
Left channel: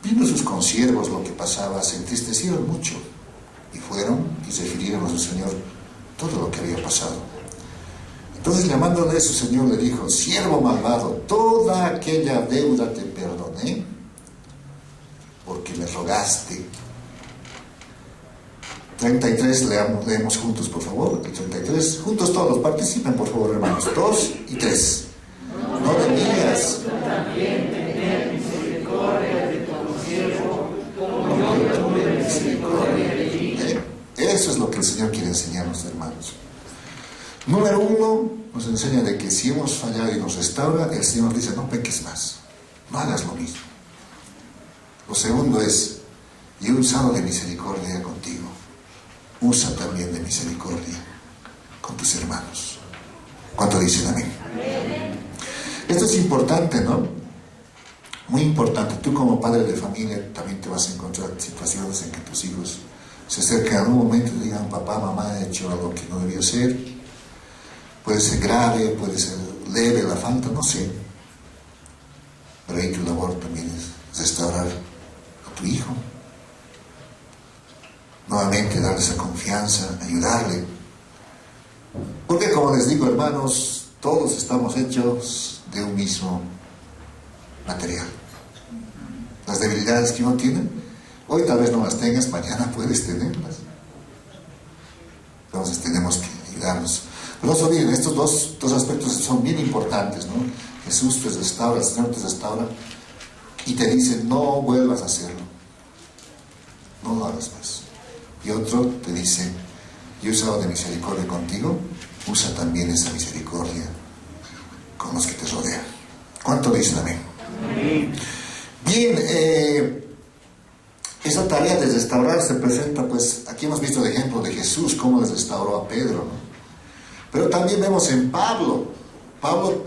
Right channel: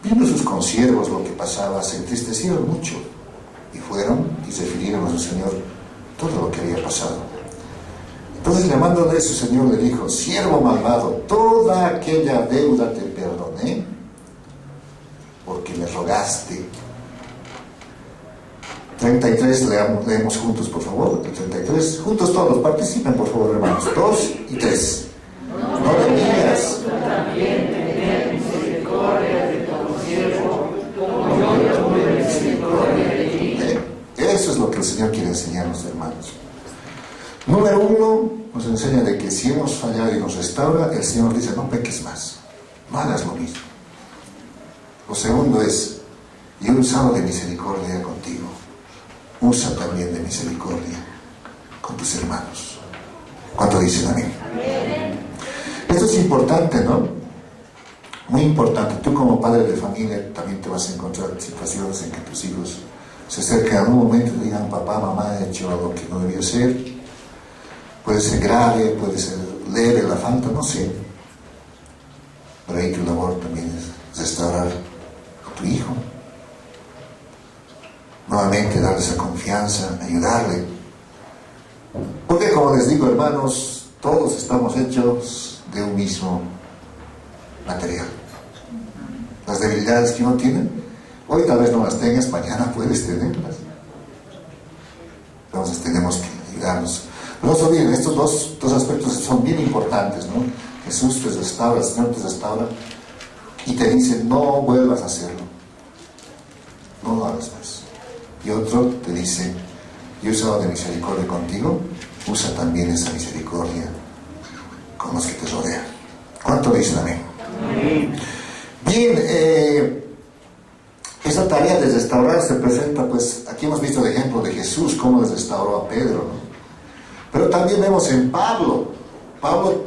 viendo sus consiervos lo que pasaba, se entristecieron mucho y fueron y refirieron a su señor todo lo que había pasado. Entonces, llamándole, su señor le dijo: siervo malvado, toda aquella deuda te perdoné porque me rogaste. 33, leemos juntos, por favor. El 33, juntos todos, participen, por favor, hermanos. 2 y 3. No debías también tener misericordia de tu siervo, como yo tuve misericordia de ti. Eso es lo que el Señor quiere enseñarnos, hermanos. Número 1, nos enseña de que si hemos fallado y nos restaura, el Señor dice: no peques más, no hagas lo mismo. Lo segundo es: yo he usado de misericordia contigo, usa también de misericordia con tus hermanos. ¿Cuánto dicen amén? Esto es importante, ¿no? Muy importante. Tú, como padre de familia, también te vas a encontrar situaciones en que tus hijos se acercan a un momento y digan: papá, mamá, he hecho algo que no debía ser. Puede ser grave, puede ser leve la falta, no sé. Pero ahí tu labor también es restaurar a tu hijo. Nuevamente darle esa confianza, ayudarle. Porque, como les digo, hermanos, todos estamos hechos de un mismo material. Las debilidades que uno tiene, hoy tal vez no las tengas, mañana puedes tenerlas. Entonces tenemos que ayudarnos. Pero no se olviden, estos dos aspectos son bien importantes, ¿no? Jesús te restaura, el Señor te restaura y te dice: no vuelvas a hacerlo, no lo hagas más. Y otro te dice: yo he usado de misericordia contigo, usa también esa misericordia con los que te rodean. ¿Cuánto dicen amén? Bien, esa tarea de restaurar se presenta, pues, aquí hemos visto el ejemplo de Jesús, cómo les restauró a Pedro, ¿no? Pero también vemos en Pablo. Pablo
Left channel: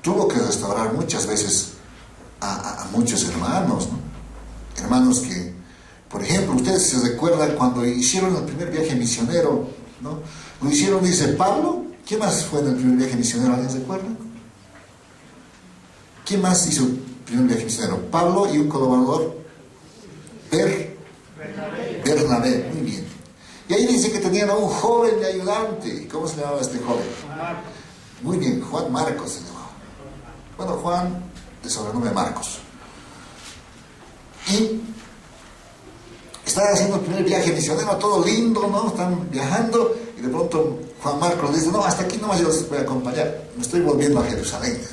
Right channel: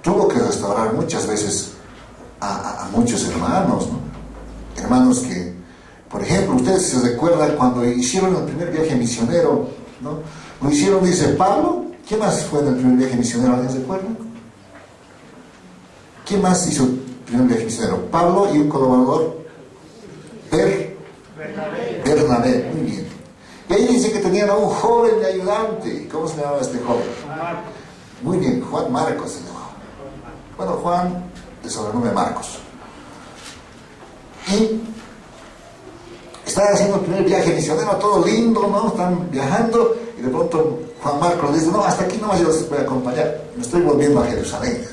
tuvo que restaurar muchas veces a muchos hermanos, ¿no? Hermanos que, por ejemplo, ustedes se recuerdan cuando hicieron el primer viaje misionero, ¿no? Lo hicieron, dice Pablo. ¿Quién más fue en el primer viaje misionero? ¿Alguien se acuerda? ¿Quién más hizo el primer viaje misionero? Pablo y un colaborador, Bernabé, muy bien. Y ahí dice que tenían a un joven de ayudante. ¿Cómo se llamaba este joven? Muy bien, Juan Marcos se llamaba. Bueno, Juan, de sobrenombre Marcos. Y están haciendo el primer viaje misionero, todo lindo, ¿no? Están viajando y de pronto Juan Marcos dice, no, hasta aquí nomás yo los voy a acompañar, me estoy volviendo a Jerusalén.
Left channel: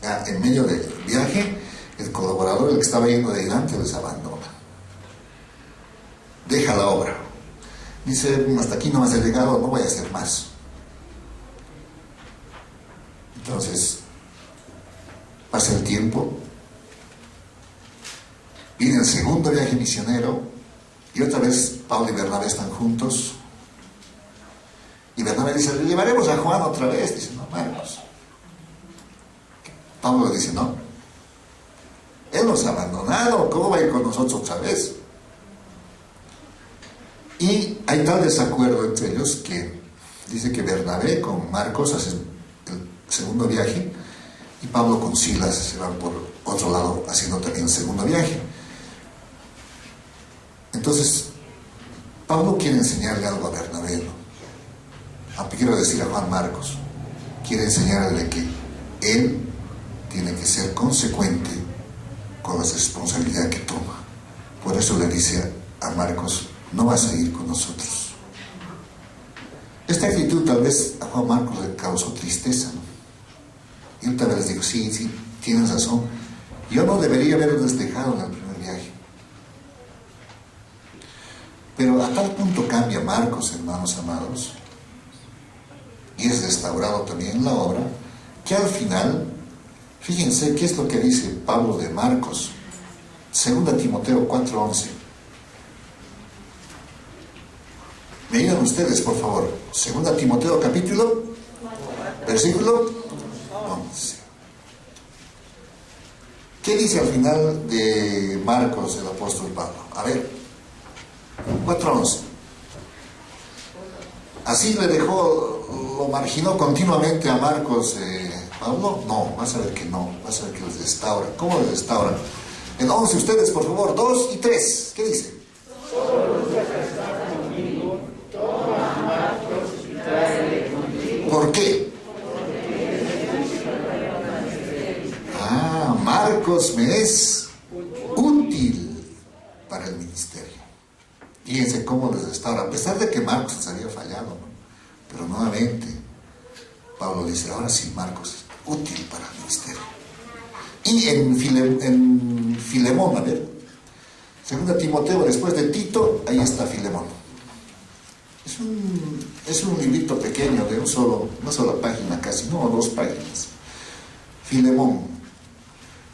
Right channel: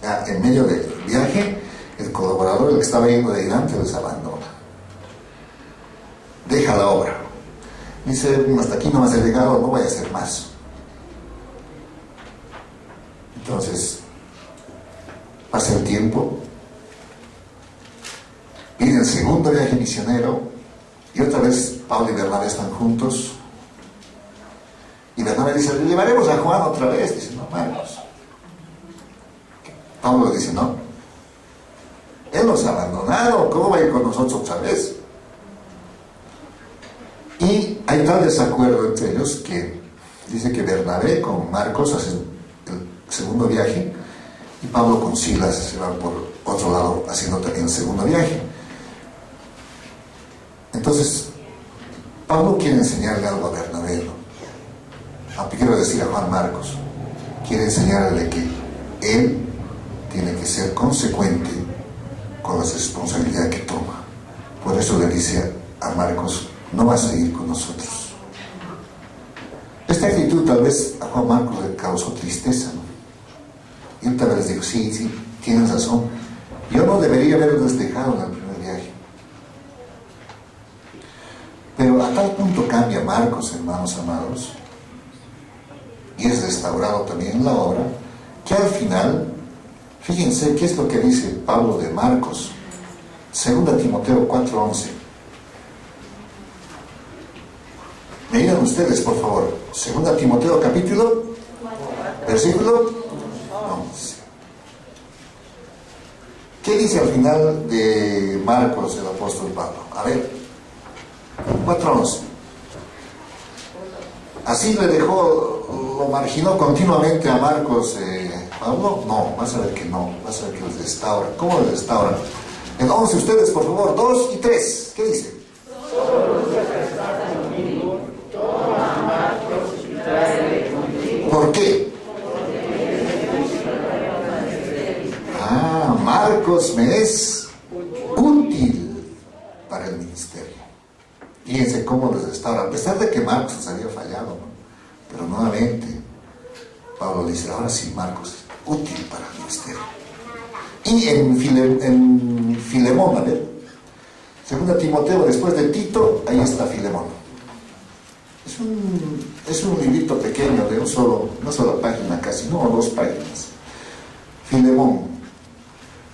Ya, en medio del viaje, el colaborador, el que estaba yendo de adelante, les abandona. Deja la obra. Dice, hasta aquí nomás he llegado, no voy a hacer más. Entonces, pasa el tiempo, viene el segundo viaje misionero y otra vez Pablo y Bernabé están juntos y Bernabé dice, le llevaremos a Juan otra vez. Dice, no, Marcos. Pablo dice, no, él nos ha abandonado, ¿cómo va a ir con nosotros otra vez? Y hay tal desacuerdo entre ellos que dice que Bernabé con Marcos hacen el segundo viaje y Pablo con Silas se van por otro lado haciendo también el segundo viaje. Entonces, Pablo quiere enseñarle algo a Bernabé, ¿no? Aunque quiero decir a Juan Marcos, quiere enseñarle que él tiene que ser consecuente con la responsabilidad que toma. Por eso le dice a Marcos, no vas a ir con nosotros. Esta actitud tal vez a Juan Marcos le causó tristeza, ¿no? Y él tal vez dijo, sí, tienes razón, yo no debería haberles dejado en el primer viaje. Pero a tal punto cambia Marcos, hermanos amados, y es restaurado también en la obra, que al final, fíjense qué es lo que dice Pablo de Marcos, 2 Timoteo 4:11. Me digan ustedes, por favor, 2 Timoteo capítulo, versículo 11. ¿Qué dice al final de Marcos el apóstol Pablo? A ver, 4:11. ¿Así le dejó, lo marginó continuamente a Marcos Pablo? No, vas a ver que no, vas a ver que los restaura. ¿Cómo los restaura? En 11 ustedes, por favor, 2 y 3, ¿qué dice? ¿Por qué? Marcos me es útil para el ministerio. Fíjense cómo les restaura, a pesar de que Marcos les había fallado, ¿no? Pero nuevamente Pablo dice, ahora sí, Marcos es útil para el ministerio. Y en Filemón, a ver, 2 Timoteo, después de Tito, ahí está Filemón. Es un librito pequeño de una sola página casi, no, 2 páginas. Filemón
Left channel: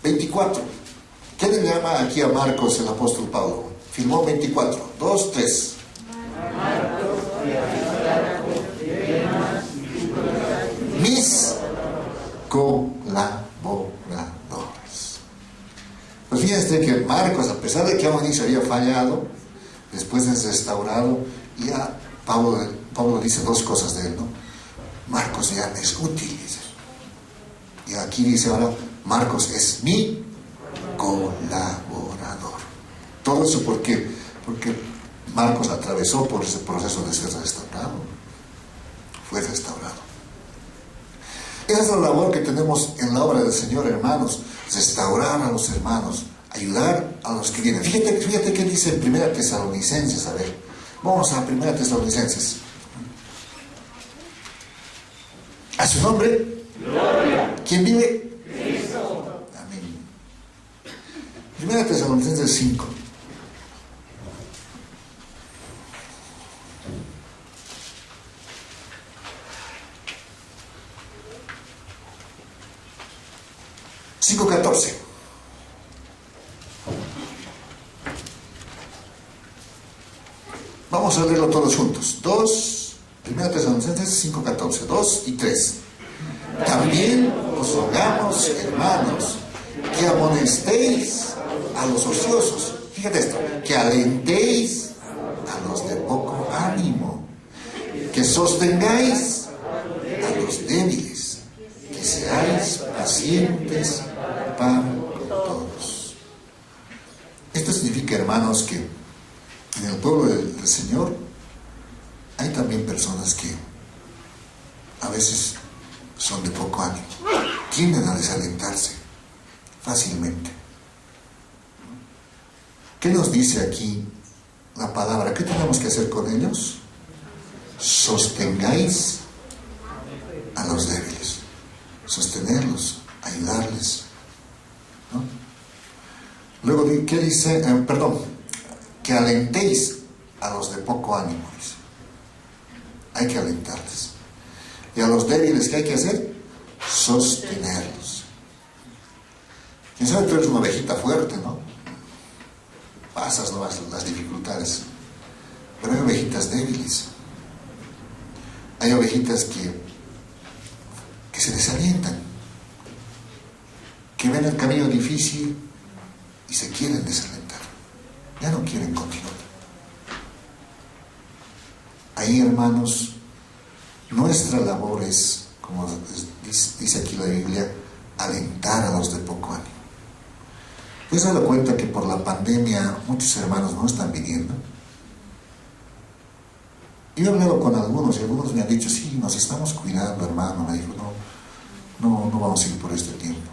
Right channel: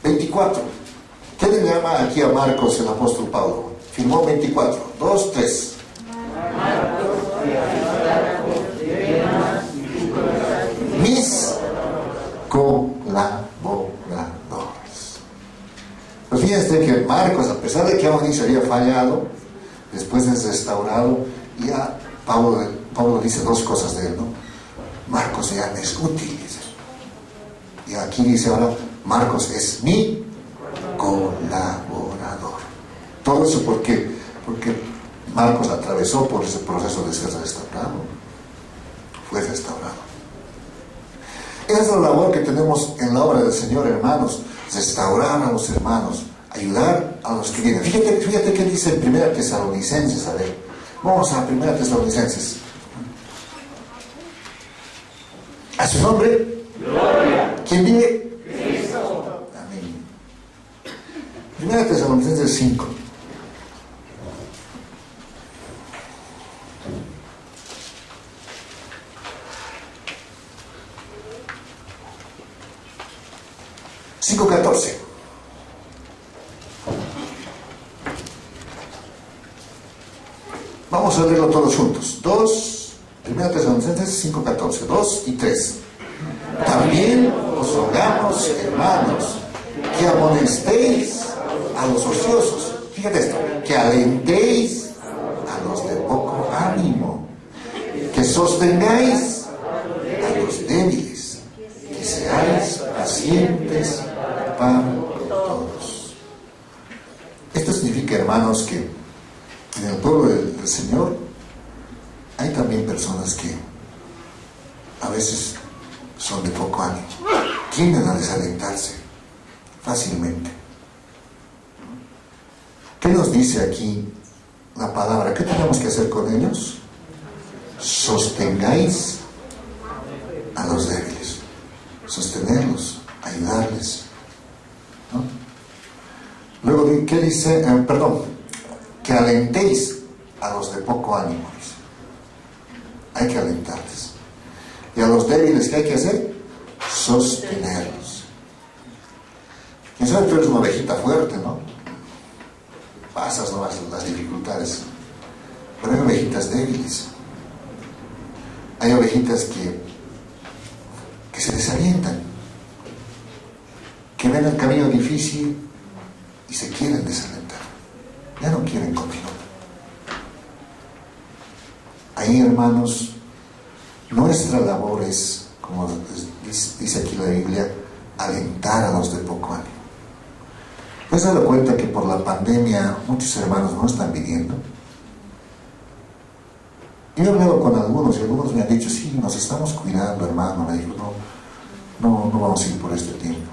24. ¿Qué le llama aquí a Marcos el apóstol Pablo? Filemón 24, 2, 3. Mis colaboradores. Pues fíjense que Marcos, a pesar de que aún se había fallado, después es restaurado, y ya Pablo dice 2 cosas de él, ¿no? Marcos ya me es útil, dice. Y aquí dice ahora, Marcos es mi colaborador. Todo eso porque Marcos atravesó por ese proceso de ser restaurado. Fue restaurado. Esa es la labor que tenemos en la obra del Señor, hermanos. Restaurar a los hermanos, ayudar a los que vienen. Fíjate qué dice en 1 Tesalonicenses. A ver, vamos a 1 Tesalonicenses. ¿A su nombre? Gloria. ¿Quién vive? Cristo. Amén. 1 Tesalonicenses 5. Vamos a leerlo todos juntos. 1 Tesalonicenses 5:14, 2 y 3. También os rogamos, hermanos, que amonestéis a los ociosos. Fíjate esto, que alentéis a los de poco ánimo, que sostengáis a los débiles, que seáis es para todos. Esto significa, hermanos, que en el pueblo del Señor hay también personas que a veces son de poco ánimo, tienden a desalentarse fácilmente. ¿Qué nos dice aquí la palabra? ¿Qué tenemos que hacer con ellos? Sostengáis a los débiles, sostenerlos, ayudarles, ¿no? Luego, ¿qué dice? Que alentéis a los de poco ánimo, dice. Hay que alentarles. Y a los débiles, ¿qué hay que hacer? Sostenerlos. Quién sabe, tú eres una ovejita fuerte, ¿no? Pasas nomás las dificultades. Pero hay ovejitas débiles. Hay ovejitas que se desalientan, que ven el camino difícil y se quieren desalentar. Ya no quieren continuar. Ahí, hermanos, nuestra labor es, como dice aquí la Biblia, alentar a los de poco ánimo. ¿Te has dado cuenta que por la pandemia muchos hermanos no están viniendo? Yo he hablado con algunos y algunos me han dicho, sí, nos estamos cuidando, hermano. Me dijo, no vamos a ir por este tiempo.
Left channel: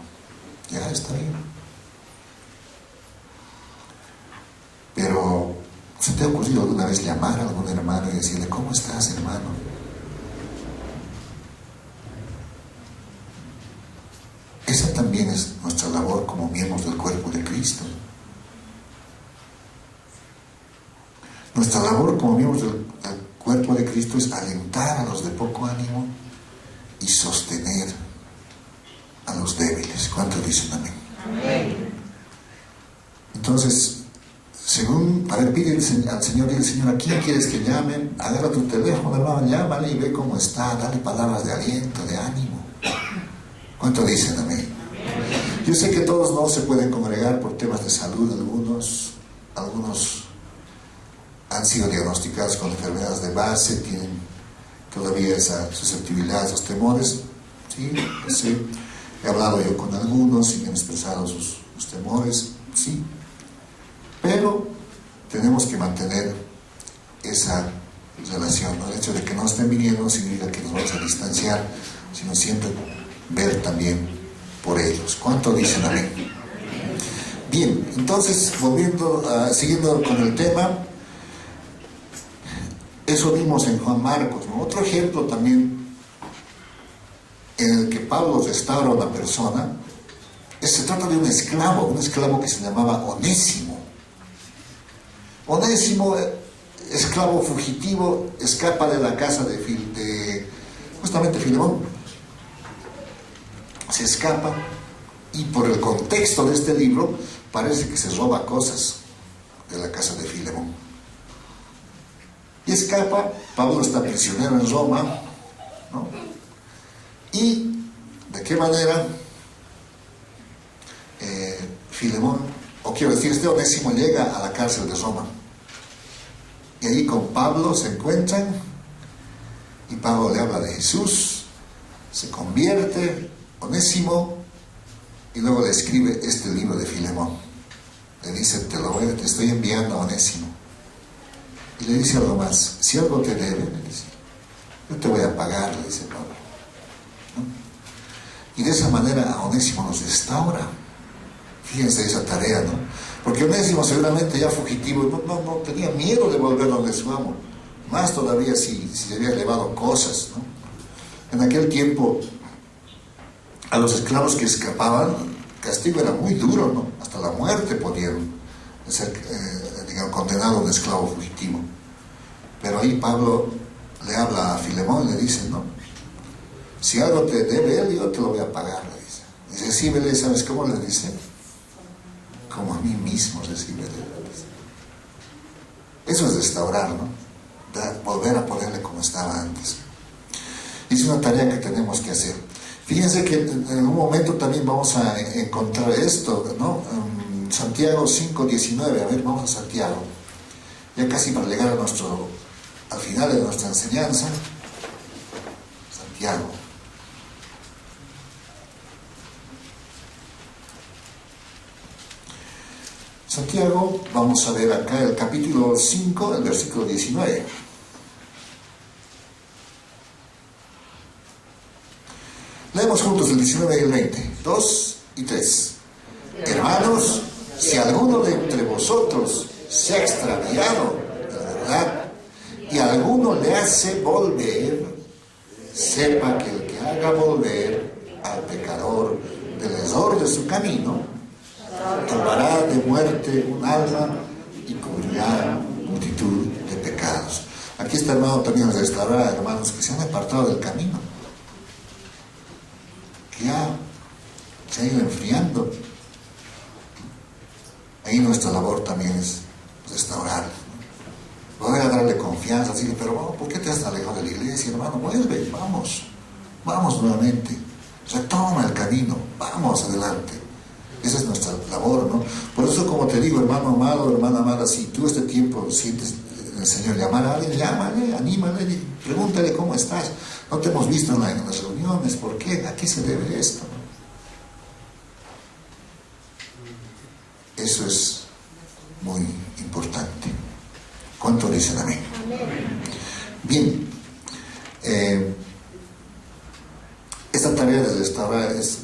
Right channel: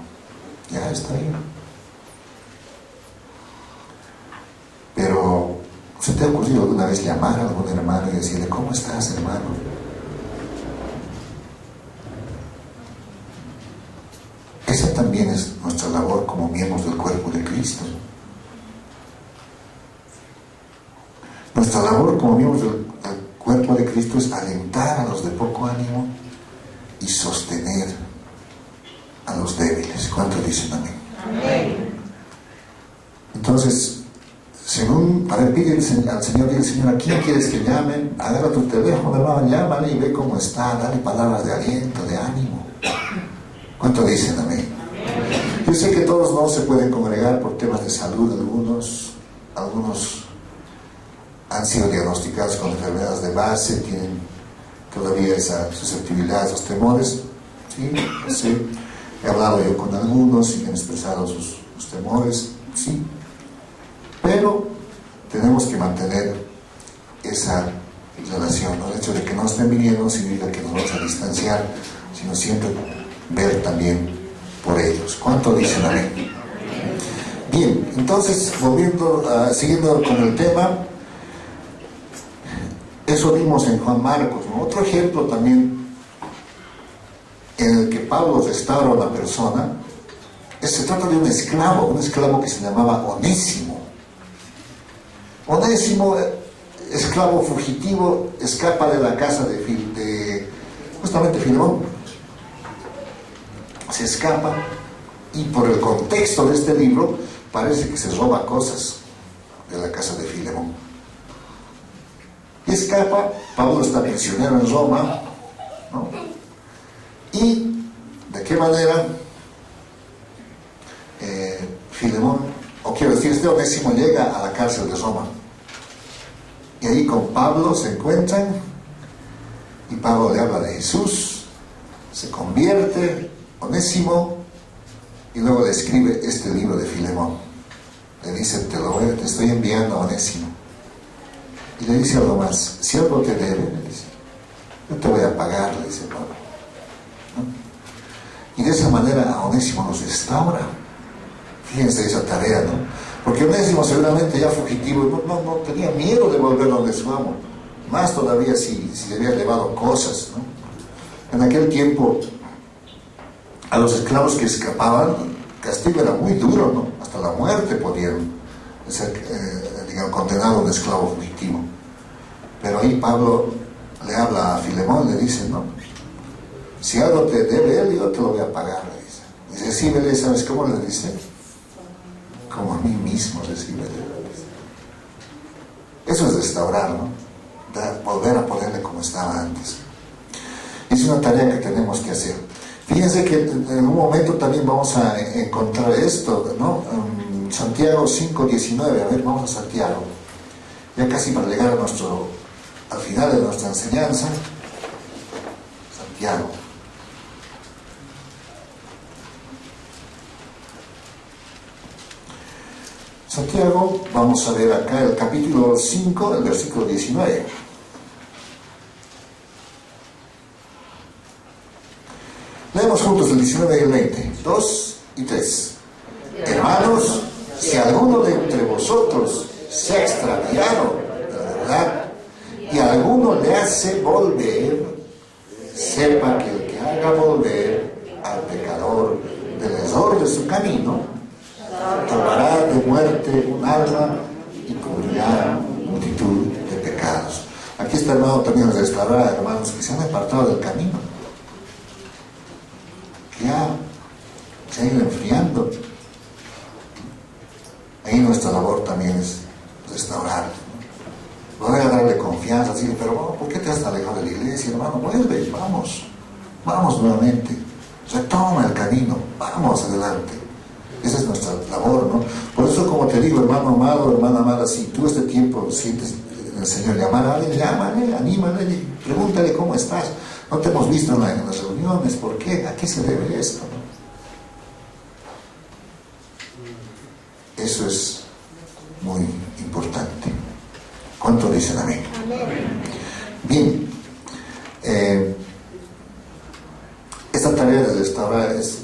Ya está bien. Pero, ¿se te ha ocurrido alguna vez llamar a algún hermano y decirle, ¿cómo estás, hermano? Esa también es nuestra labor como miembros del cuerpo de Cristo. Nuestra labor como miembros del cuerpo de Cristo es alentar a los de poco ánimo y sostener a los débiles. ¿Cuántos dicen amén? Amén. Entonces, pide al Señor, dile, Señor, ¿a quién quieres que llamen? Agarra tu teléfono, hermano, llámale y ve cómo está, dale palabras de aliento, de ánimo. ¿Cuántos dicen amén? Yo sé que todos no se pueden congregar por temas de salud, algunos han sido diagnosticados con enfermedades de base, tienen todavía esa susceptibilidad, esos temores. Sí, no sé. He hablado yo con algunos y me han expresado sus temores, sí. Pero tenemos que mantener esa relación, ¿no? El hecho de que no estén viniendo no significa que nos vamos a distanciar, sino siempre ver también por ellos. ¿Cuánto dicen amén? Bien, entonces, siguiendo con el tema, eso vimos en Juan Marcos, ¿no? Otro ejemplo también en el que Pablo restaura a una persona, se trata de un esclavo que se llamaba Onésimo. Onésimo, esclavo fugitivo, escapa de la casa de justamente Filemón. Se escapa y por el contexto de este libro parece que se roba cosas de la casa de Filemón. Y escapa, Pablo está prisionero en Roma, ¿no? Y de qué manera Filemón, o quiero decir, este Onésimo llega a la cárcel de Roma. Y ahí con Pablo se encuentran y Pablo le habla de Jesús, se convierte Onésimo y luego le escribe este libro de Filemón. Le dice, te estoy enviando a Onésimo. Y le dice algo más, si algo te debe, le dice, yo te voy a pagar, le dice Pablo, ¿no? Y de esa manera a Onésimo nos restaura. Fíjense esa tarea, ¿no? Porque Onésimo seguramente ya fugitivo, no tenía miedo de volver donde su amo, más todavía si le había llevado cosas, ¿no? En aquel tiempo a los esclavos que escapaban, el castigo era muy duro, ¿no? Hasta la muerte podían ser condenado a un esclavo fugitivo. Pero ahí Pablo le habla a Filemón y le dice, ¿no? Si algo te debe él, yo te lo voy a pagar, le dice. Dice, recíbele, ¿sabes cómo le dice? Como a mí mismo, recíbele. Eso es restaurar, ¿no? Volver a ponerle como estaba antes. Es una tarea que tenemos que hacer. Fíjense que en un momento también vamos a encontrar esto, ¿no? Santiago 5:19, a ver, vamos a Santiago. Ya casi para llegar al final de nuestra enseñanza. Santiago. Santiago, vamos a ver acá el capítulo 5, el versículo 19. Leemos juntos el 19 y el 20, 2 y 3. Hermanos, si alguno de entre vosotros se ha extraviado de la verdad y alguno le hace volver, sepa que el que haga volver al pecador del error de su camino, salvará de muerte un alma y cubrirá multitud de pecados. Aquí está, hermano, también nos restaurará, hermanos, que se han apartado del camino, que ya se han ido enfriando. Ahí nuestra labor también es restaurar, ¿no? Volver a darle confianza, decirle, pero bueno, ¿por qué te has alejado de la iglesia, hermano? Vuelve, vamos nuevamente, retoma el camino, vamos adelante. Esa es nuestra labor, ¿no? Por eso, como te digo, hermano amado, hermana amada, si tú este tiempo sientes el Señor llamar a alguien, llámale, anímale, pregúntale cómo estás. No te hemos visto en las reuniones, ¿por qué? ¿A qué se debe esto? Eso es muy importante. ¿Cuánto dicen amén? Bien, esta tarea de restaurar es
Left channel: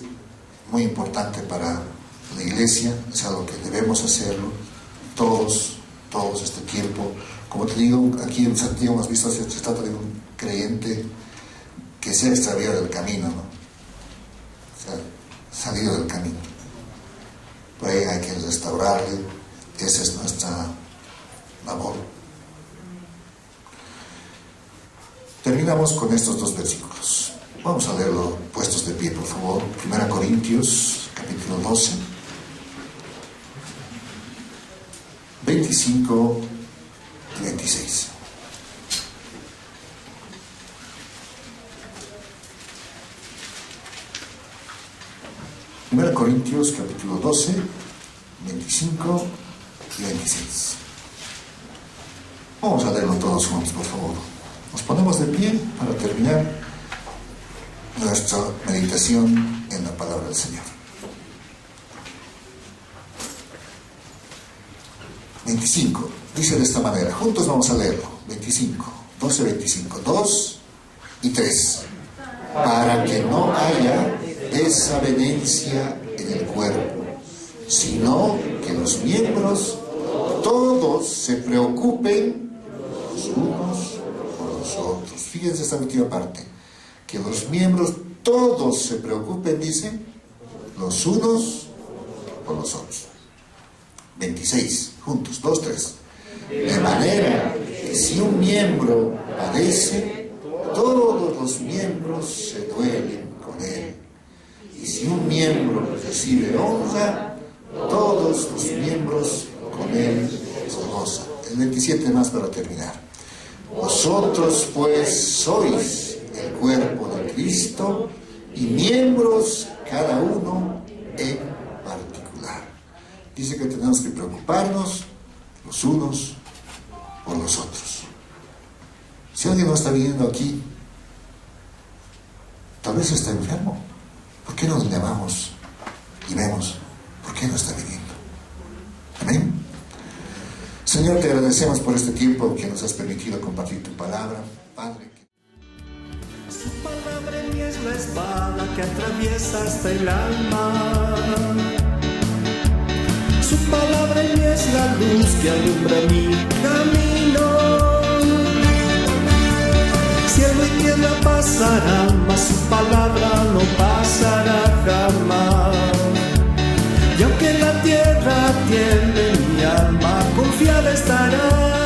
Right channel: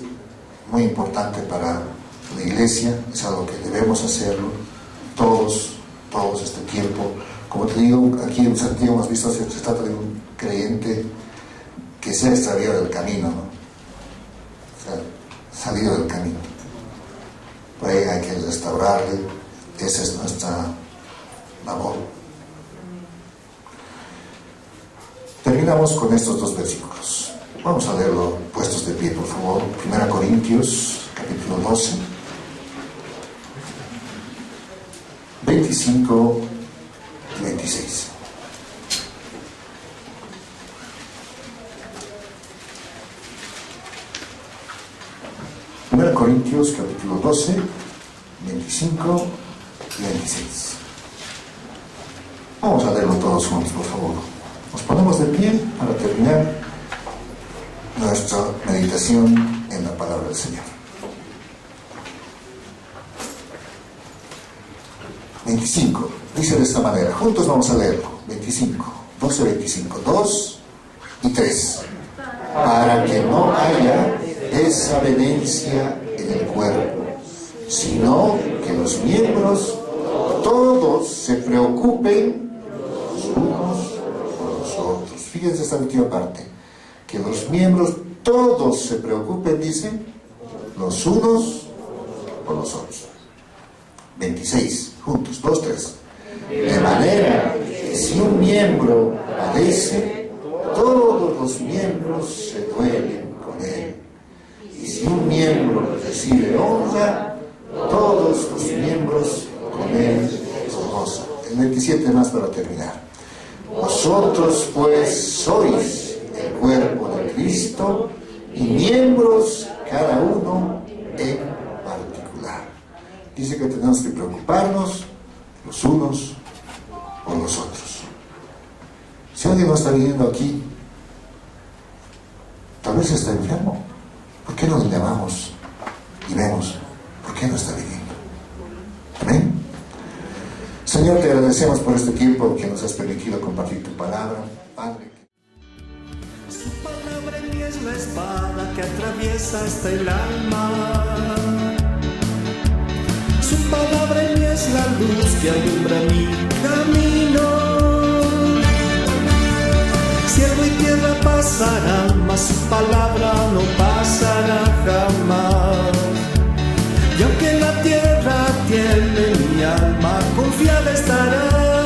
muy importante para la iglesia, es algo que debemos hacerlo todos este tiempo. Como te digo, aquí en Santiago hemos visto, se trata de un creyente que se ha extraviado del camino, ¿no? Se ha salido del camino. Por ahí hay que restaurarle. Esa es nuestra labor. Terminamos con estos dos versículos. Vamos a leerlo puestos de pie, por favor. 1 Corintios, capítulo 12, 25 y 26. Corintios capítulo 12, 25 y 26. Vamos a leerlo todos juntos, por favor. Nos ponemos de pie para terminar nuestra meditación en la palabra del Señor. 25. Dice de esta manera. Juntos vamos a leerlo. 25. 12, 25. 2 y 3. Para que no haya desavenencia en el cuerpo, sino que los miembros todos se preocupen los unos por los otros. Fíjense esta última parte, que los miembros todos se preocupen, dicen, los unos por los otros. 26, juntos, 2, 3. De manera que si un miembro padece, todos los miembros se duelen con él. Y si un miembro recibe honra, todos los miembros con él se gozan. El 27 más para terminar. Vosotros pues sois el cuerpo de Cristo y miembros cada uno en particular. Dice que tenemos que preocuparnos los unos por los otros. Si alguien no está viniendo aquí, tal vez está enfermo. ¿Por qué no le llamamos y vemos por qué no está viniendo? Amén. Señor, te agradecemos por este tiempo que nos has permitido compartir tu palabra, Padre. Su palabra en mí es la espada que atraviesa hasta el alma. Su palabra en mí es la luz que alumbra mi camino. Cielo y tierra pasarán, mas su palabra no pasará jamás. Y aunque la tierra tiemble, mi alma confiada estará.